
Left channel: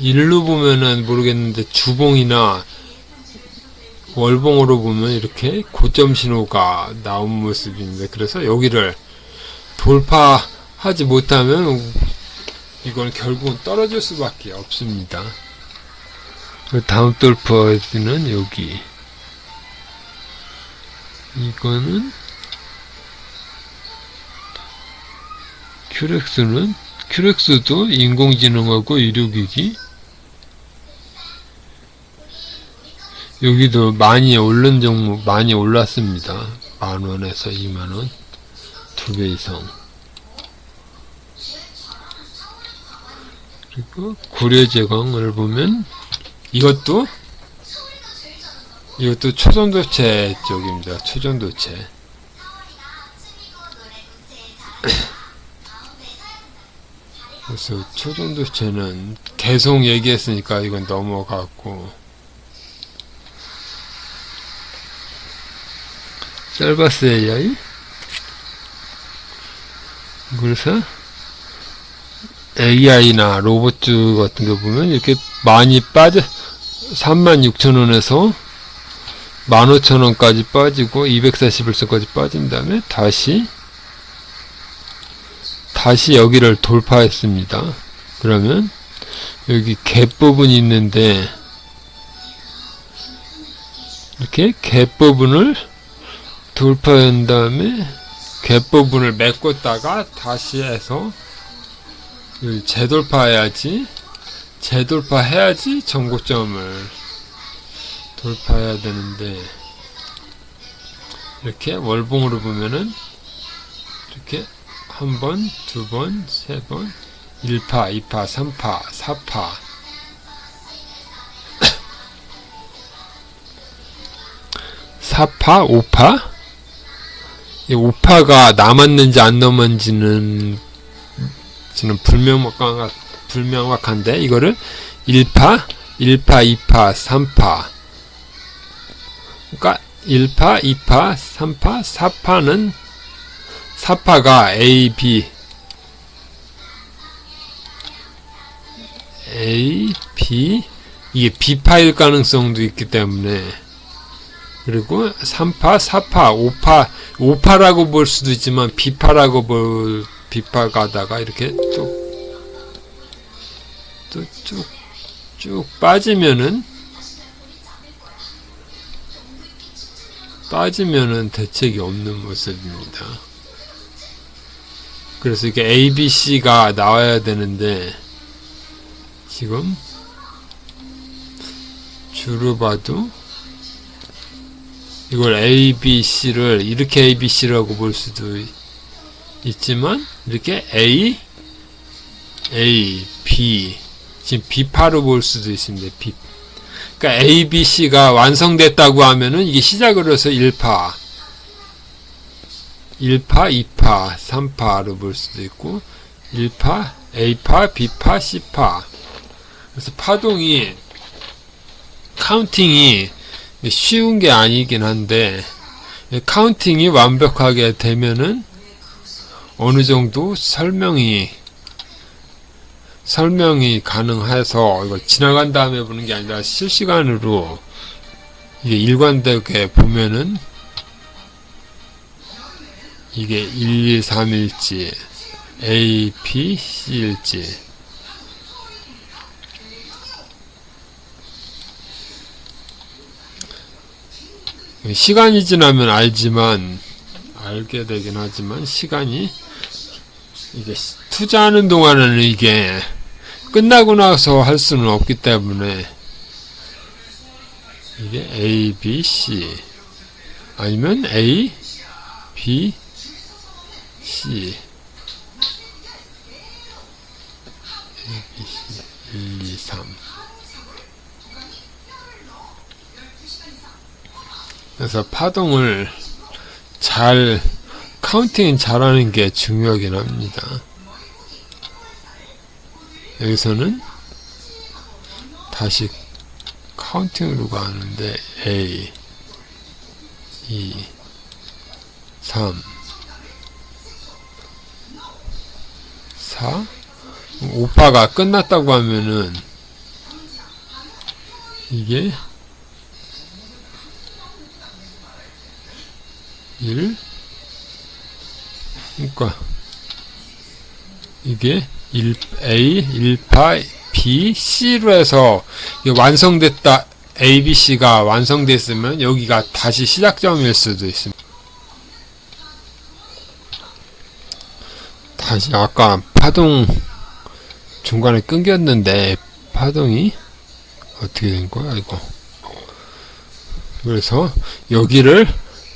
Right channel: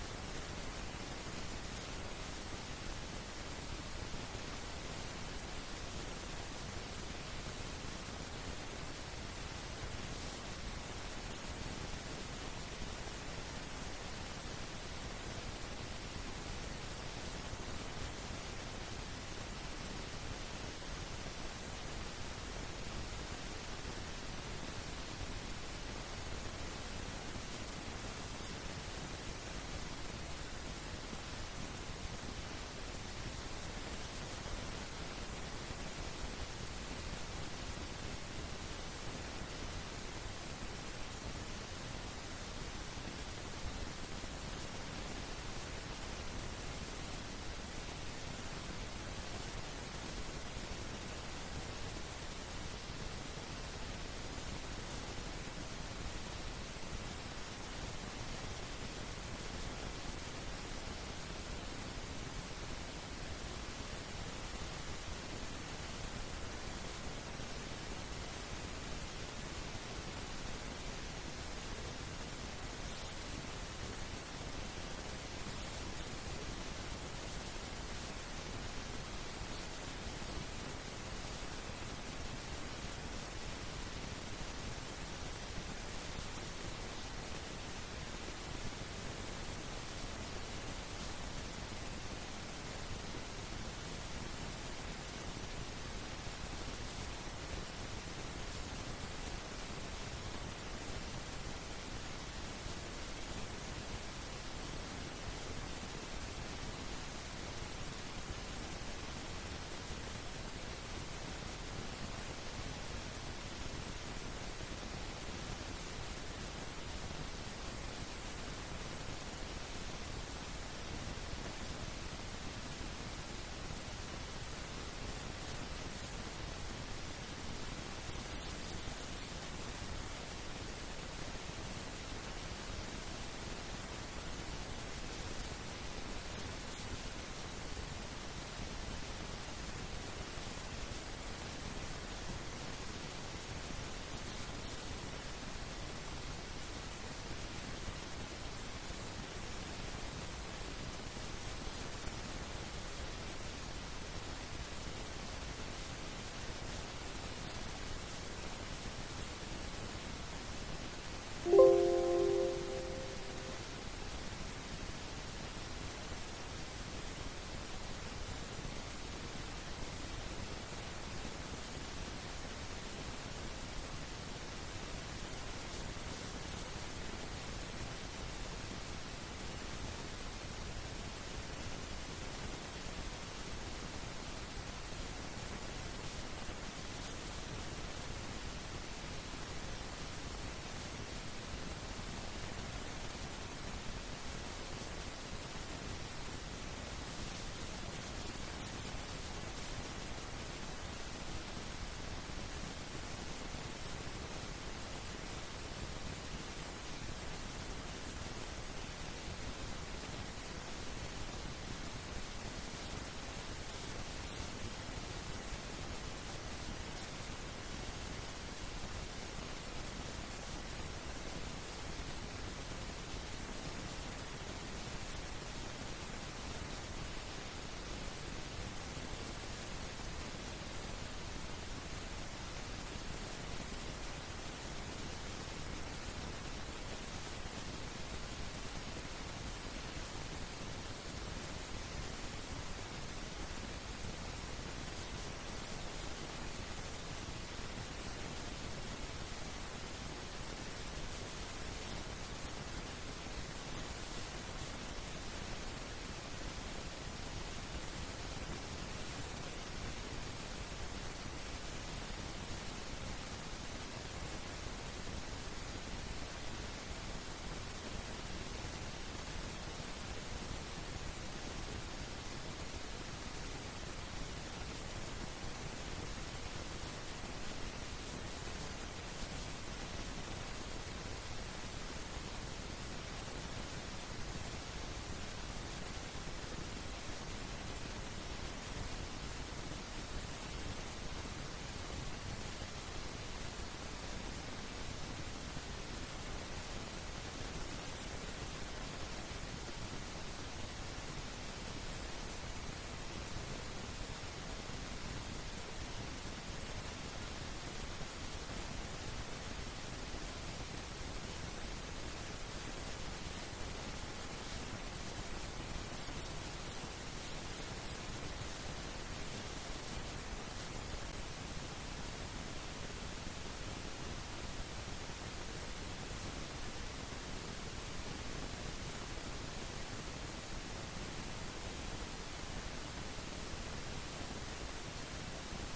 일로 보면은 모르겠는데 주봉이나 월봉으로 보면 이렇게 고점 신호가 나온 모습인데, 그래서 여기를 돌파하지 못하면 이건 결국은 떨어질 수밖에 없습니다. 다음 돌파는 여기, 이거는 큐렉스도 인공지능하고 의료기기, 여기도 많이 오른 종목 많이 올랐습니다. 10,000원에서 20,000원, 2배 이상. 그리고 고려제광을 보면 이것도 초전도체 쪽입니다. 초전도체. 그래서 초전도체는 계속 얘기했으니까 이건 넘어갔고, 셀바스 AI, 그래서 AI나 로봇 같은 거 보면 이렇게 많이 빠져 36,000원에서 15,000원까지 빠지고 241선까지 빠진 다음에 다시 여기를 돌파했습니다. 그러면 여기 갭 부분이 있는데 이렇게 갭 부분을 돌파한 다음에 갭 부분을 메꿨다가 다시 해서 재돌파해야지 전고점을 돌파해야 되는데, 이렇게 월봉으로 보면은 이렇게 한 번, 두 번, 세 번, 1파, 2파, 3파, 4파, 4파, 5파? 이 5파가 남았는지 안 남았는지는 불명확한데 이거를 1파, 1파, 2파, 3파. 그러니까 1파, 2파, 3파, 4파는 4파가 A, B, 이게 B파일 가능성도 있기 때문에, 그리고 3파, 4파, 5파라고 볼 수도 있지만 B파라고 B파가 하다가 이렇게 쭉 빠지면은 대책이 없는 모습입니다. 그래서 이게 A, B, C가 나와야 되는데 지금 주로 봐도 이걸 A, B, C를 이렇게 A, B, C라고 볼 수도 있지만 이렇게 A, B 지금 B파로 볼 수도 있습니다. 그러니까 A, B, C가 완성됐다고 하면은 이게 시작으로 해서 1파, 2파, 3파로 볼 수도 있고 1파, A파, B파, C파. 그래서 파동이 카운팅이 쉬운 게 아니긴 한데 카운팅이 완벽하게 되면은 어느 정도 설명이 가능해서 이거 지나간 다음에 보는 게 아니라 실시간으로 이게 일관되게 보면은 이게 1, 2, 3일지 A, B, C일지 시간이 지나면 알게 되긴 하지만 시간이 이게 투자하는 동안에는 이게 끝나고 나서 할 수는 없기 때문에 이게 A, B, C 아니면 A, B, C 1, 2, 3 그래서 파동을 카운팅 잘하는 게 중요하긴 합니다. 여기서는 다시 카운팅으로 가는데 A, 2, 3, 4 5파가 끝났다고 하면은 이게 1 그러니까 이게 1A, 1파, B, C로 해서 완성됐다 A, B, C가 완성됐으면 여기가 다시 시작점일 수도 있습니다. 다시 아까 파동 중간에 끊겼는데 파동이 어떻게 된 거야 이거. 그래서 여기를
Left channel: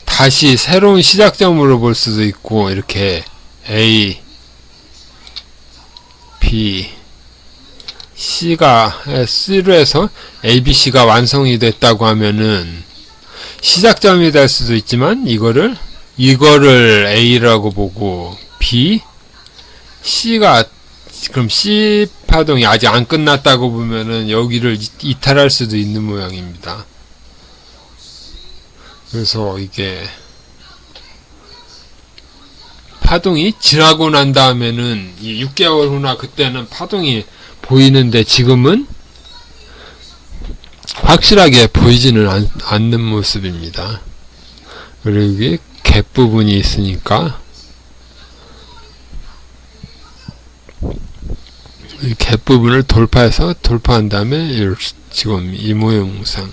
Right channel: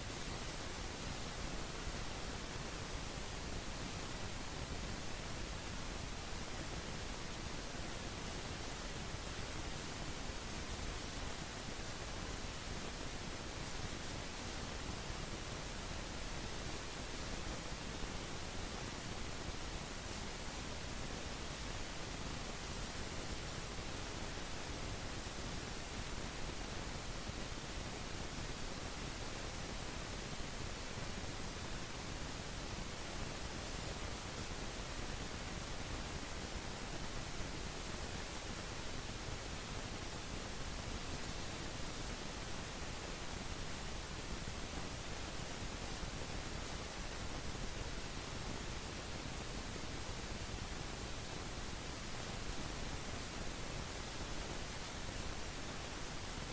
다시 새로운 시작점으로 볼 수도 있고 이렇게 A, B, C로 해서 A, B, C가 완성이 됐다고 하면은 시작점이 될 수도 있지만 이거를 A라고 보고 B, C가 그럼 C 파동이 아직 안 끝났다고 보면은 여기를 이탈할 수도 있는 모양입니다. 그래서 이게 파동이 지나고 난 다음에는 6개월 후나 그때는 파동이 보이는데 지금은 확실하게 보이지는 않는 모습입니다. 그리고 이게 갭 부분이 있으니까 이 갭 부분을 돌파한 다음에 지금 이 모양상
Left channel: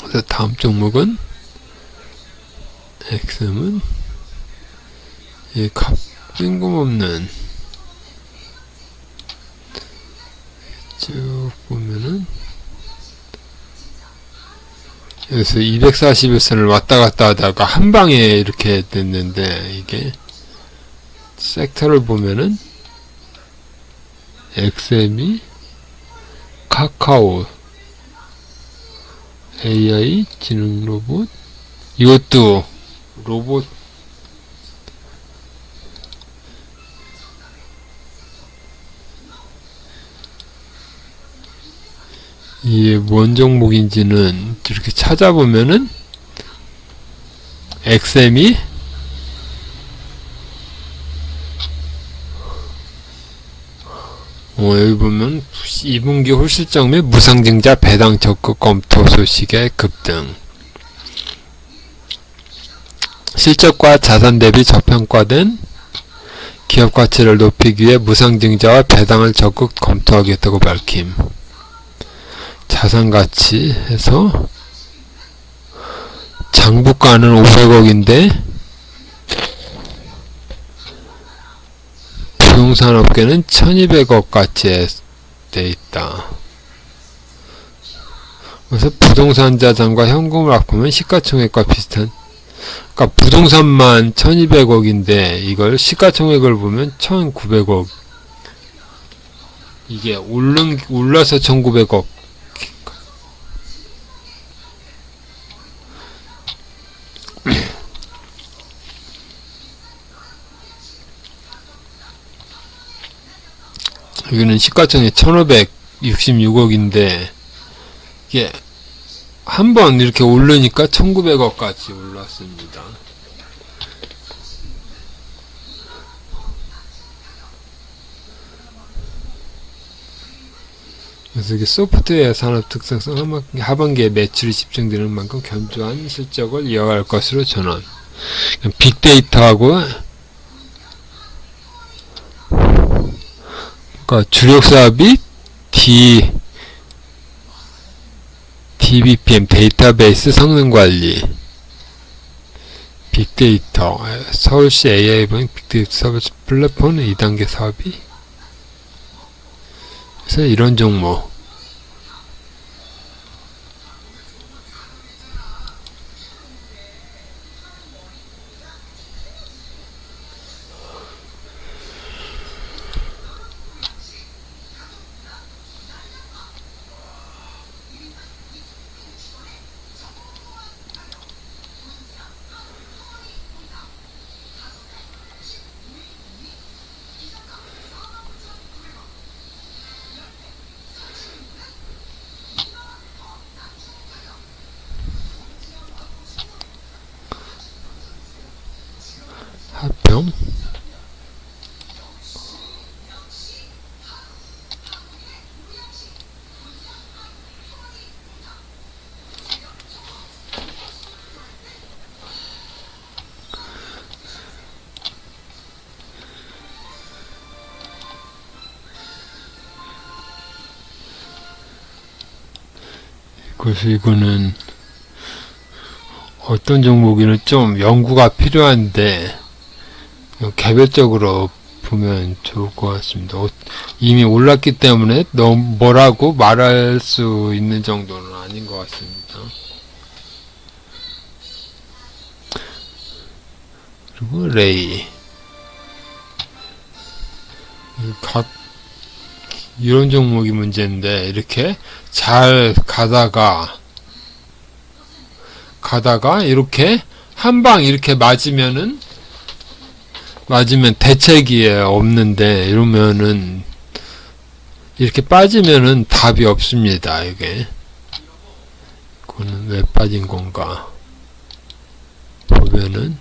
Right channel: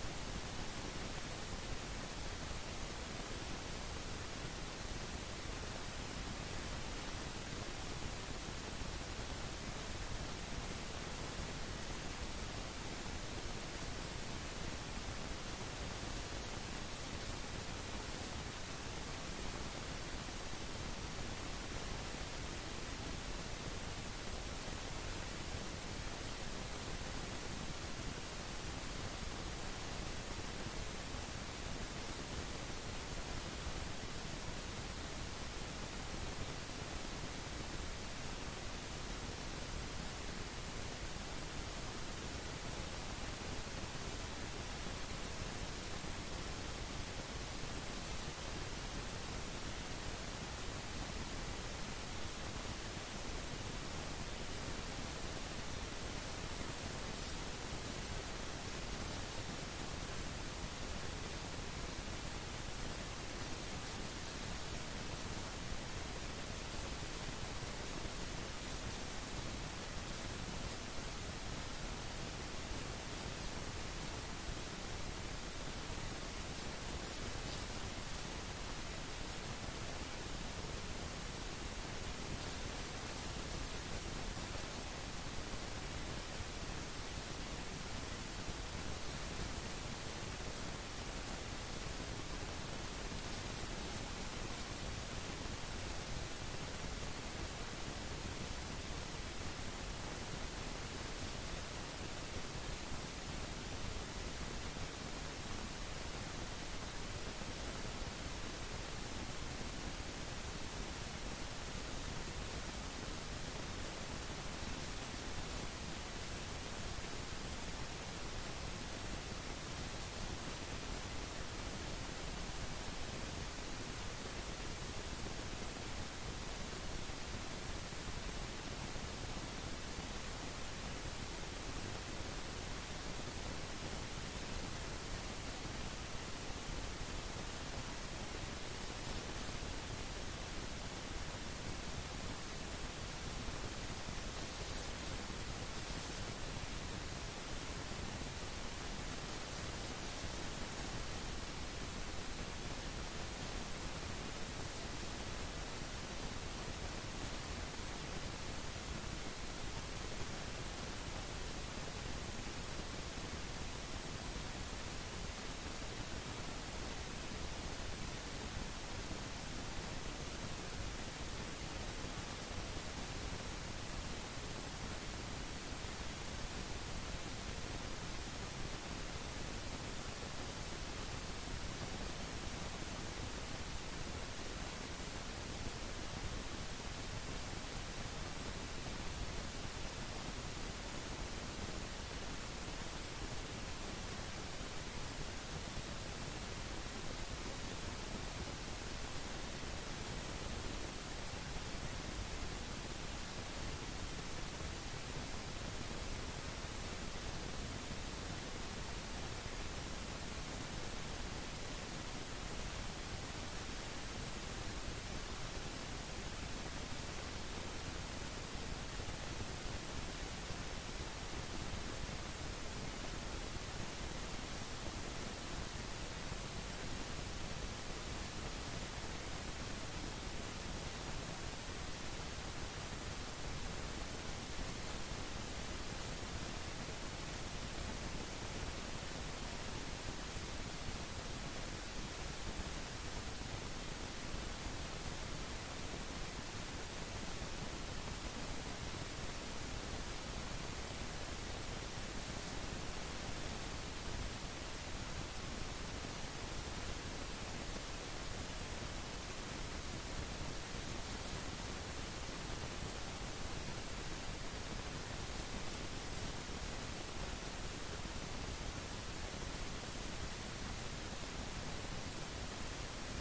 그래서 다음 종목은 XM은 이 뜬금없는 쭉 보면은 그래서 241선을 왔다 갔다 하다가 한 방에 이렇게 됐는데, 이게 섹터를 보면은 XM이 카카오 AI 지능 로봇, 이것도 로봇, 이게 뭔 종목인지는 이렇게 찾아보면은 XM이 여기 보면 2분기 홀실적 및 무상증자 배당 적극 검토 소식의 급등, 실적과 자산 대비 저평가된 기업 가치를 높이기 위해 무상증자와 배당을 적극 검토하겠다고 밝힘. 자산가치에서 장부가는 500억인데 부동산업계는 1200억 가치에 돼 있다. 그래서 부동산 자산과 현금을 합하면 시가총액과 비슷한, 그러니까 부동산만 1200억인데 이걸 시가총액을 보면 1900억, 이게 올라서 1900억. 여기는 시가총액 1566억인데 이게 한번 이렇게 오르니까 1900억까지 올랐습니다. 그래서 이게 소프트웨어 산업 특성상 하반기에 매출이 집중되는 만큼 견조한 실적을 이어갈 것으로 전환. 빅데이터하고, 그러니까 주력 사업이 DBPM 데이터베이스 성능 관리, 빅데이터, 서울시 AI방 빅데이터 서비스 플랫폼 2단계 사업이, 그래서 이런 종목. 합병, 그래서 이거는 어떤 종목이는 좀 연구가 필요한데 개별적으로 보면 좋을 것 같습니다. 이미 올랐기 때문에 너무 뭐라고 말할 수 있는 정도는 아닌 것 같습니다. 그리고 레이, 이런 종목이 문제인데 이렇게 잘 가다가 이렇게 한 방 이렇게 맞으면 대책이 없는데, 이러면은 이렇게 빠지면은 답이 없습니다. 이게 그거는 왜 빠진 건가 보면은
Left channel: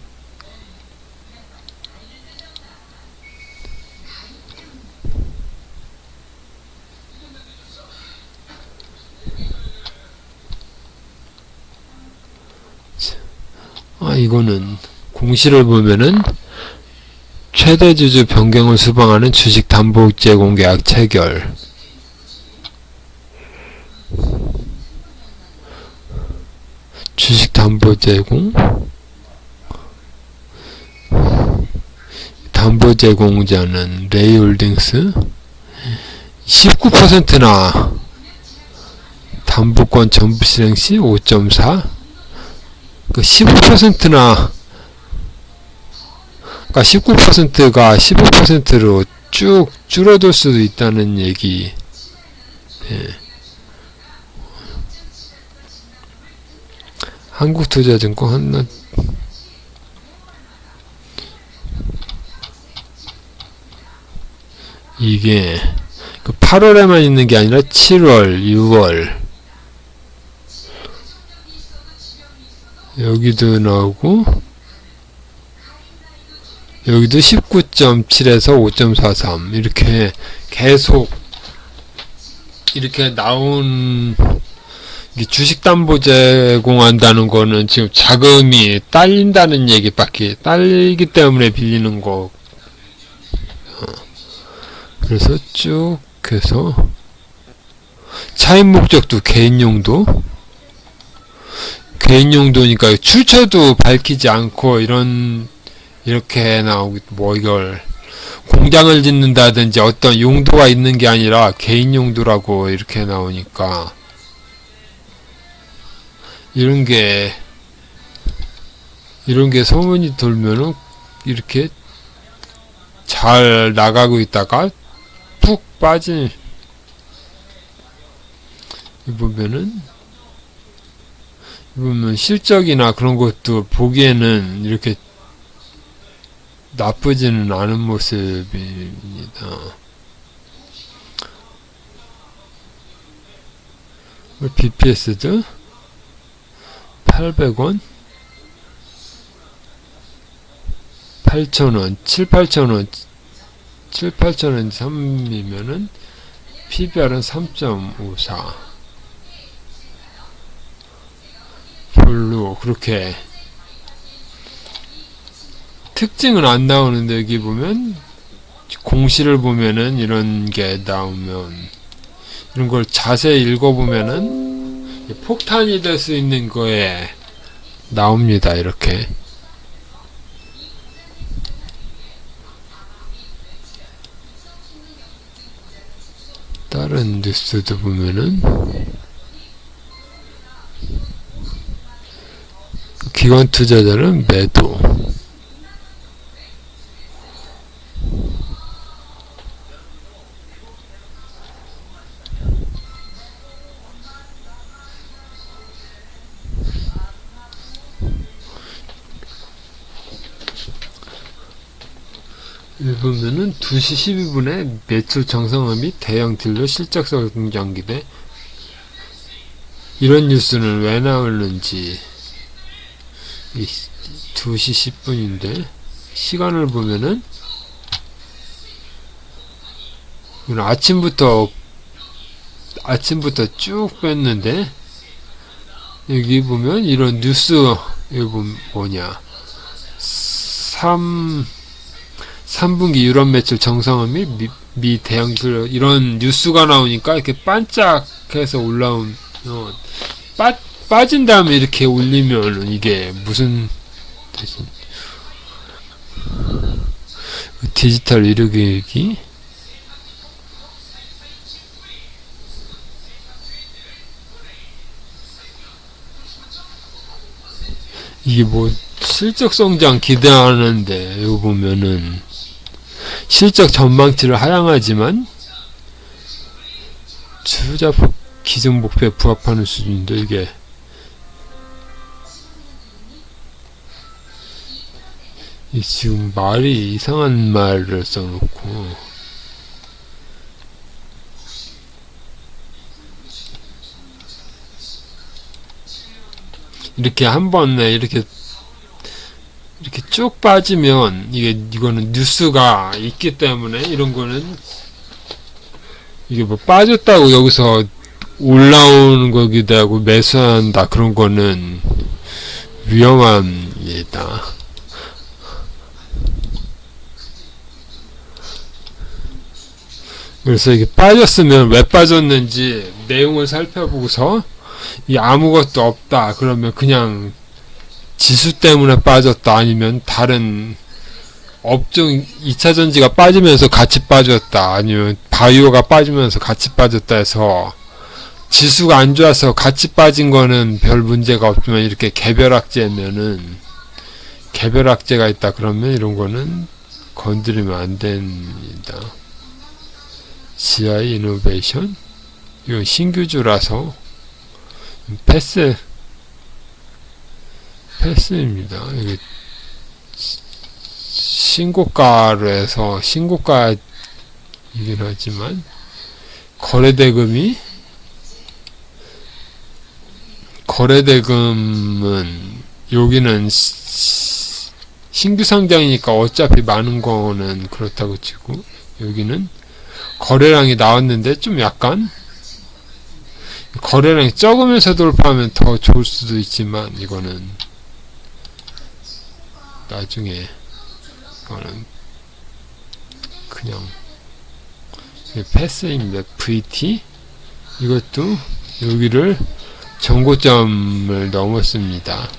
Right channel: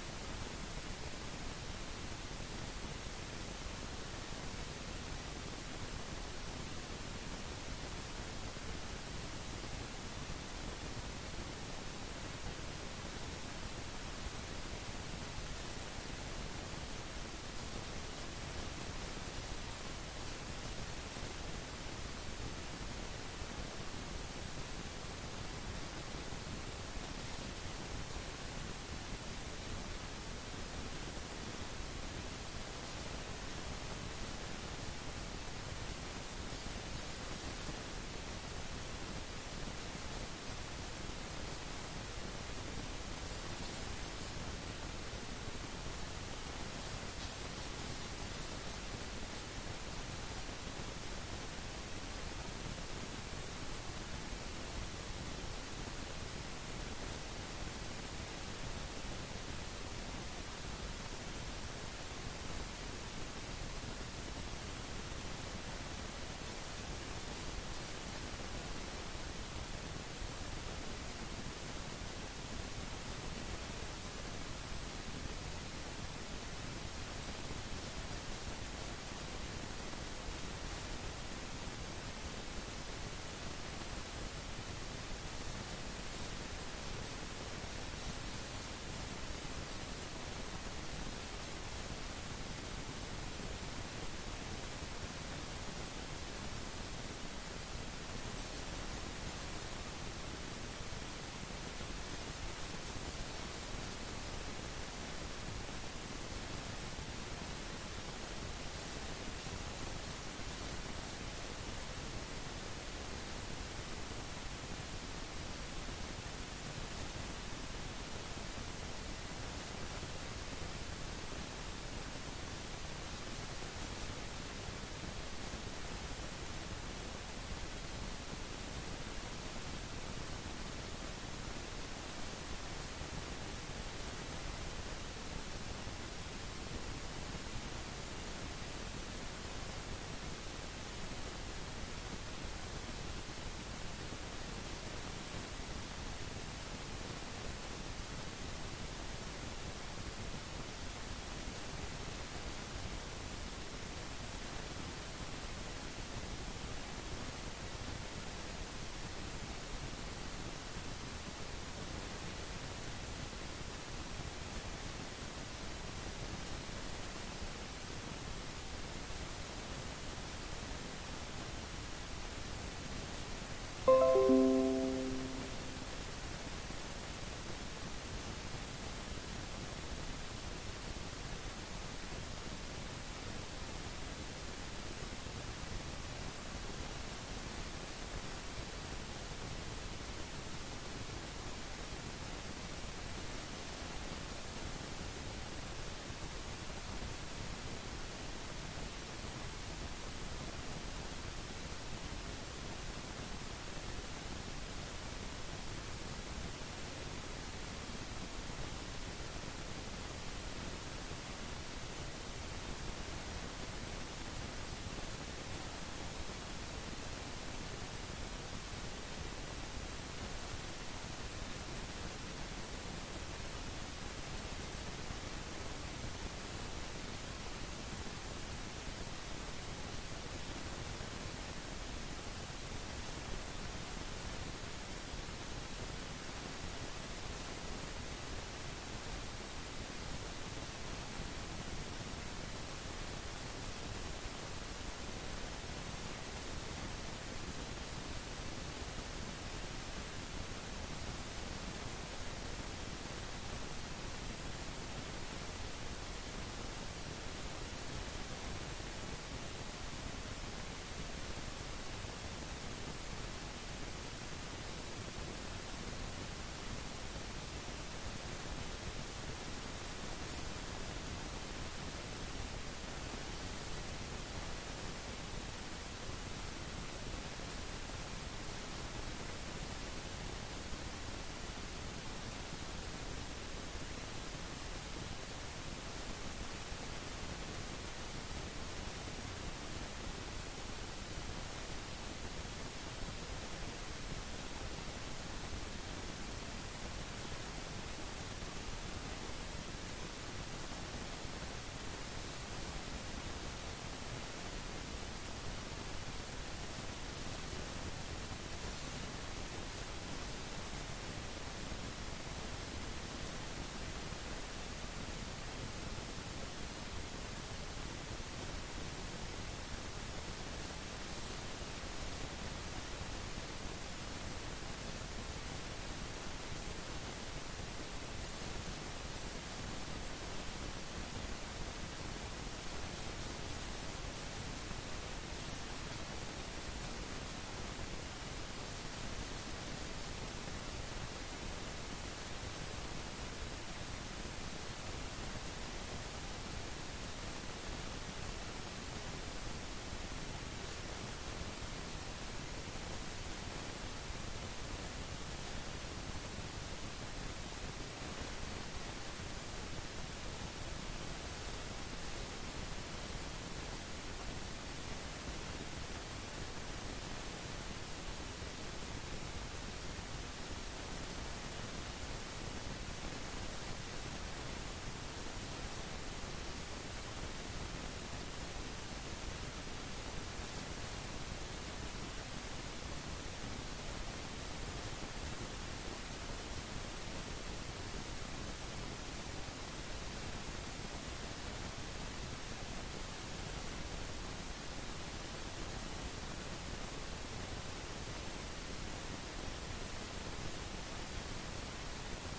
이거는 공시를 보면은 최대 주주 변경을 수방하는 주식 담보 제공 계약 체결, 주식 담보 제공, 담보 제공자는 레이홀딩스 19%나 담보권 전부 실행 시 5.4, 그 15%나 그러니까 19%가 15%로 쭉 줄어들 수도 있다는 얘기. 예. 한국투자증권 한나 이게 그 8월에만 있는 게 아니라 7월, 6월 여기도 나오고 여기도 19.7에서 5.43 이렇게 계속 이렇게 나온 주식담보 제공한다는 거는 지금 자금이 딸린다는 얘기밖에 딸리기 때문에 빌리는 거. 그래서 쭉 해서 차입 목적도 개인용도니까 출처도 밝히지 않고 이렇게 나오기 뭐 이걸 공장을 짓는다든지 어떤 용도가 있는 게 아니라 개인 용도라고 이렇게 나오니까 이런 게 소문이 돌면은 이렇게 잘 나가고 있다가 푹 빠진 보면 실적이나 그런 것도 보기에는 이렇게 나쁘지는 않은 모습입니다. BPS도 800원 8,000원 7,8,000원 7,8,000원 3이면은 PBR은 3.54 별로 그렇게 특징은 안 나오는데 여기 보면 공시를 보면은 이런 게 나오면 이런 걸 자세히 읽어보면은 폭탄이 될 수 있는 거에 나옵니다. 이렇게 다른 뉴스도 보면은 기관 투자자는 매도 보면은 2시 12분에 매출 정상화 및 대형 딜러 실적 성장 기대 이런 뉴스는 왜 나오는지 2시 10분인데 시간을 보면은 아침부터 쭉 뺐는데 여기 보면 이런 뉴스 여기 보면 뭐냐 3분기 유럽 매출 정상화 및 미 대형 딜러 이런 뉴스가 나오니까 이렇게 반짝해서 올라오면 빠진 다음에 이렇게 올리면 이게 무슨 디지털 의료교육이 이게 뭐 실적 성장 기대하는데 이거 보면은 실적 전망치를 하향하지만 투자 기존 목표에 부합하는 수준인데 이게 지금 말이 이상한 말을 써놓고 이렇게 한 번에 이렇게 쭉 빠지면 이거는 뉴스가 있기 때문에 이런 거는 이게 뭐 빠졌다고 여기서 올라오는 거기도 하고 매수한다 그런 거는 위험합니다. 그래서 이게 빠졌으면 왜 빠졌는지 내용을 살펴보고서 아무것도 없다 그러면 그냥 지수 때문에 빠졌다 아니면 다른 업종 2차전지가 빠지면서 같이 빠졌다 아니면 바이오가 빠지면서 같이 빠졌다 해서 지수가 안 좋아서 같이 빠진 거는 별 문제가 없지만 이렇게 개별악재가 있다 그러면 이런 거는 건드리면 안 됩니다. GI 이노베이션 이건 신규주라서 패스입니다. 이게 신고가로 해서 신고가이긴 하지만 거래대금은 여기는 신규 상장이니까 어차피 많은 거는 그렇다고 치고 여기는 거래량이 나왔는데 좀 약간 거래량이 적으면서 돌파하면 더 좋을 수도 있지만 이거는 나중에 이거는 그냥 패스입니다. VT 이것도 여기를 정고점을 넘었습니다.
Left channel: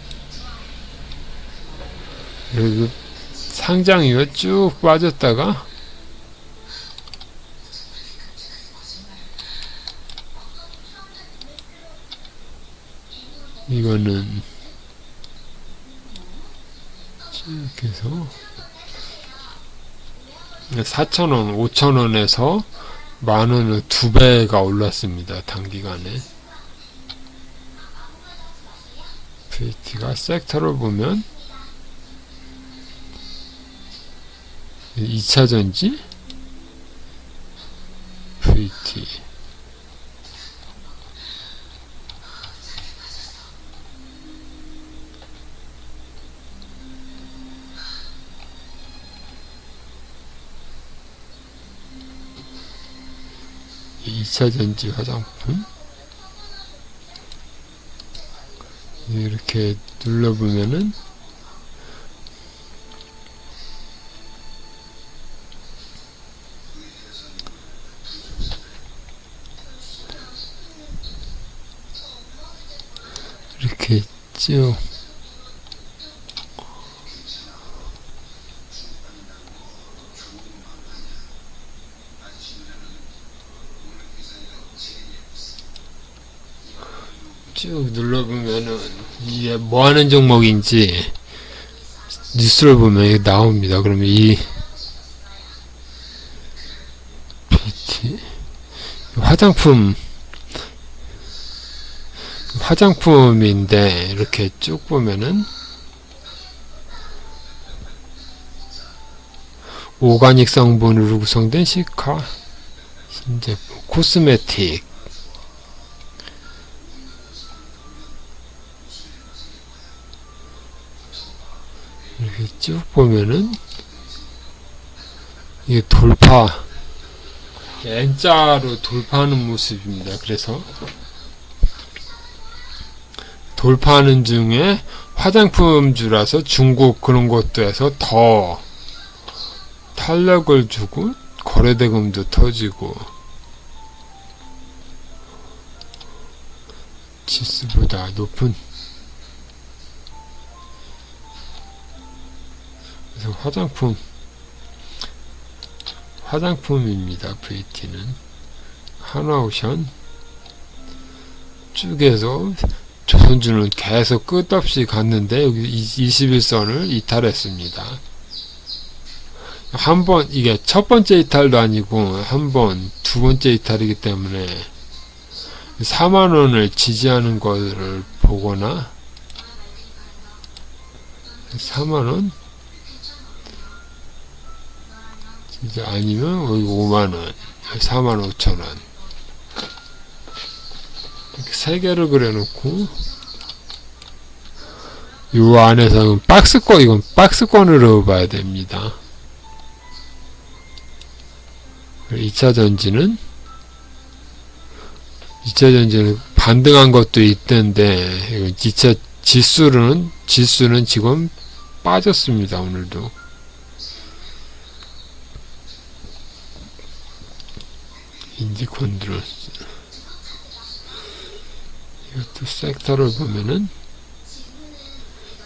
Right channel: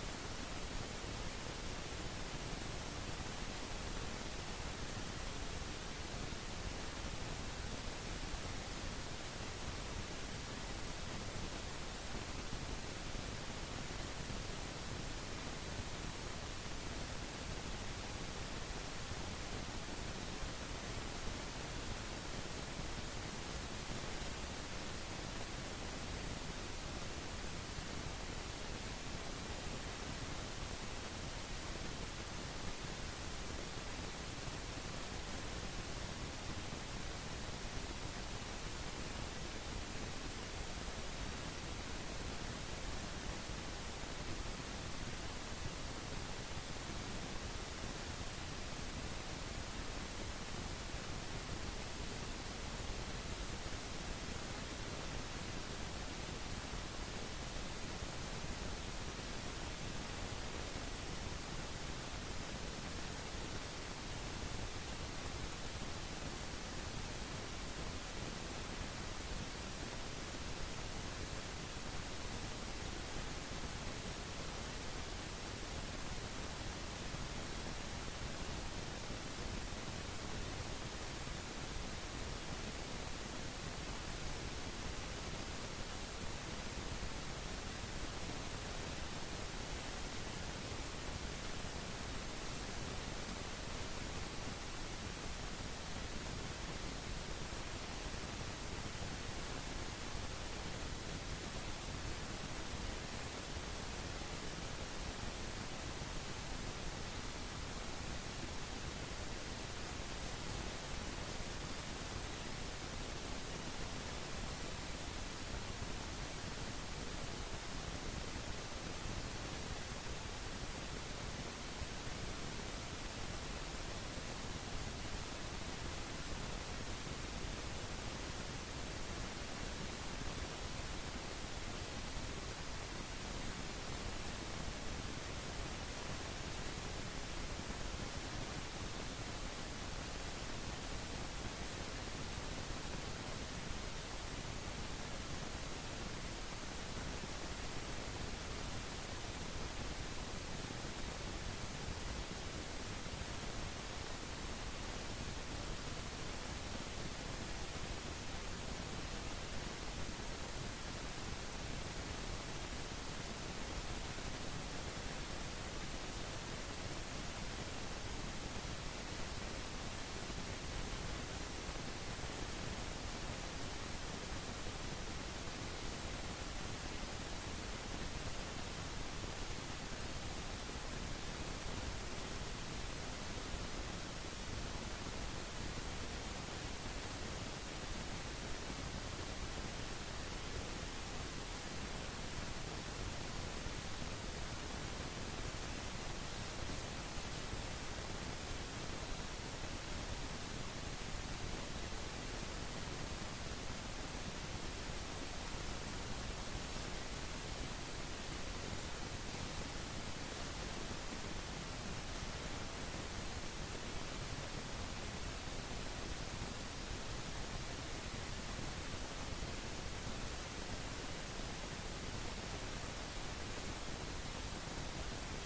그리고 상장이가 쭉 빠졌다가 이거는 쭉 해서 4,000원, 5,000원에서 만원을 2배가 올랐습니다. 단기간에. VT가 섹터를 보면 2차전지 VT 2차전지 화장품 이렇게 눌러보면은 이렇게 있죠. 쭉 눌러보면은 이게 뭐 하는 종목인지 뉴스를 보면 이게 나옵니다. 그러면 이 BT 화장품인데 이렇게 쭉 보면은 오가닉 성분으로 구성된 시카 신제품 코스메틱 이렇게 쭉 보면은 이게 N자로 돌파하는 모습입니다. 그래서 돌파하는 중에 화장품주라서 중국 그런 것도 해서 더 탄력을 주고 거래대금도 터지고 지수보다 높은 그래서 화장품입니다. VT는 한화오션 쭉에서 조선주는 계속 끝없이 갔는데 여기 21선을 이탈했습니다. 한번 이게 첫 번째 이탈도 아니고 두 번째 이탈이기 때문에 4만원을 지지하는 것을 보거나 4만원 이제 아니면 여기 5만원 45,000원 이렇게 세 개를 그려놓고 요 안에서는 이건 박스권으로 봐야 됩니다. 2차전지는 반등한 것도 있던데 2차 지수는 지금 빠졌습니다. 오늘도 인지컨트롤 이것도 섹터를 보면은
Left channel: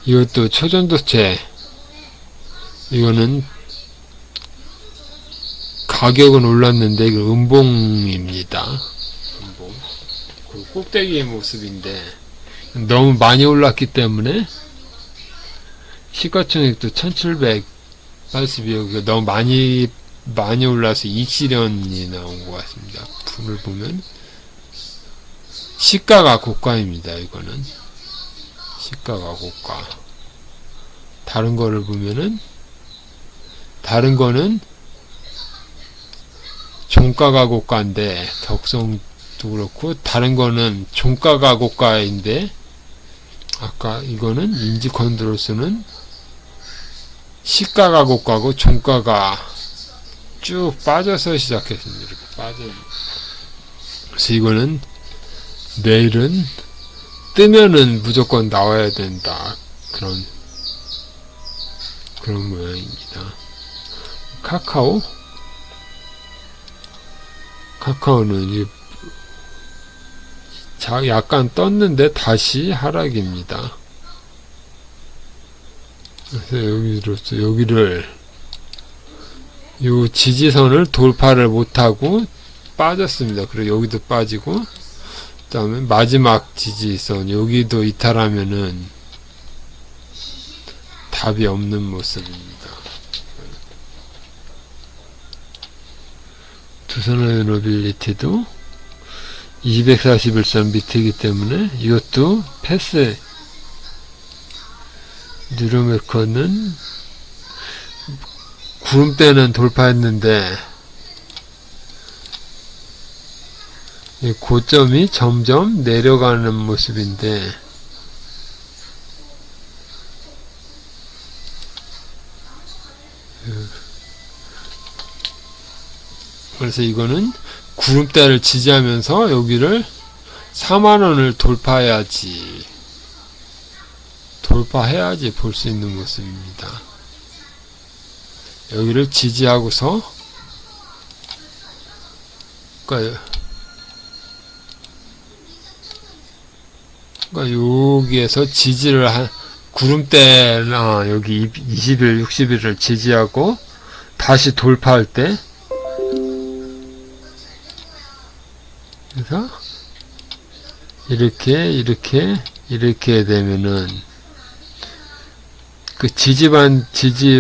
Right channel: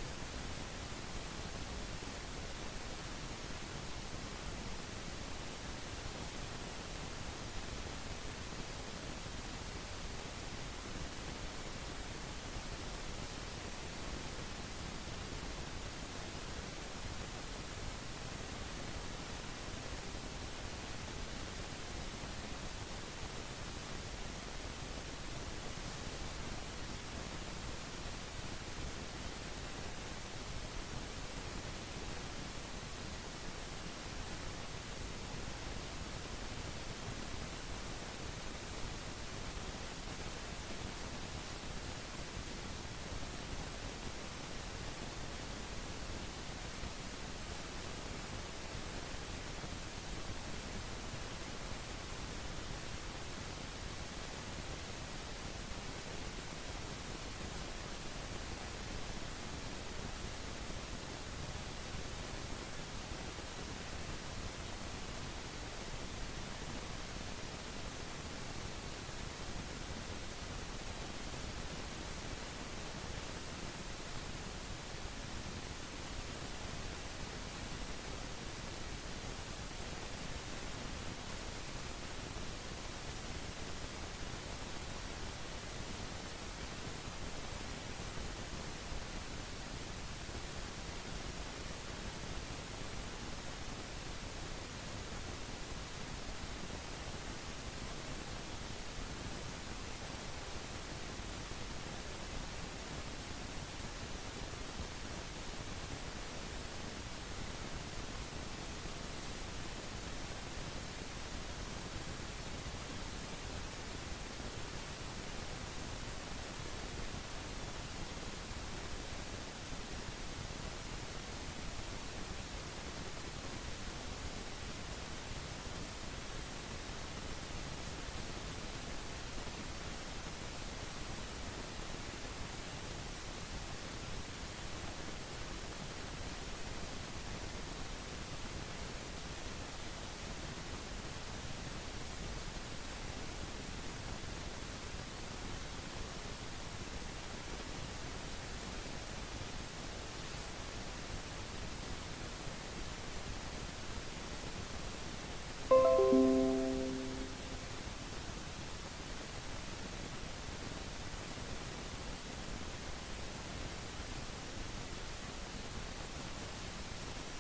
이것도 초전도체 이거는 가격은 올랐는데 이거 음봉입니다. 음봉 그 꼭대기의 모습인데 너무 많이 올랐기 때문에 시가총액도 1782억, 너무 많이 올라서 익실현이 나온 것 같습니다. 분을 보면 시가가 고가입니다. 이거는 시가가 고가. 다른 거를 보면은 다른 거는 종가가 고가인데 덕성도 그렇고, 다른 거는 종가가 고가인데 아까 이거는 인지 컨트롤스는 시가가 고가고 종가가 쭉 빠져서 시작했습니다. 이렇게 빠져요. 그래서 이거는 내일은 뜨면은 무조건 나와야 된다. 그런 모양입니다. 카카오는 약간 떴는데 다시 하락입니다. 그래서 여기를 요 지지선을 돌파를 못하고 빠졌습니다. 그리고 여기도 빠지고, 그 다음에 마지막 지지선 여기도 이탈하면은 답이 없는 모습입니다. 두산하이노빌리티도 241선 밑이기 때문에 이것도 패스. 뉴로메커는 구름대는 돌파했는데 이 고점이 점점 내려가는 모습인데, 그래서 이거는 구름대를 지지하면서 여기를 4만원을 돌파해야지 볼 수 있는 모습입니다. 여기를 지지하고서, 그러니까 여기에서 지지를 구름대나 여기 20일, 60일을 지지하고 다시 돌파할 때, 그래서 이렇게 되면은 그 지지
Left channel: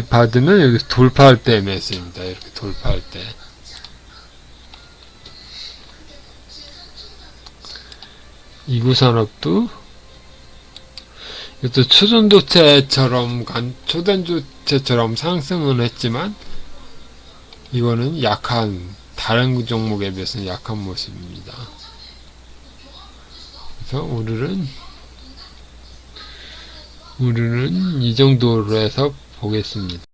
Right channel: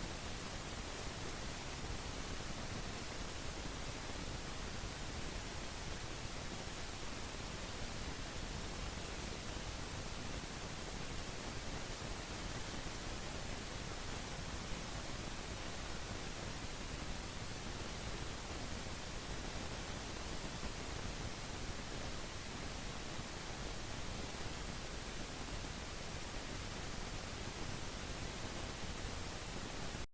받으면 여기 돌파할 때 매수입니다. 이렇게 돌파할 때. 이구산업도 이것도 초전도체처럼 상승은 했지만 이거는 다른 종목에 비해서는 약한 모습입니다. 그래서 오늘은 이 정도로 해서 보겠습니다.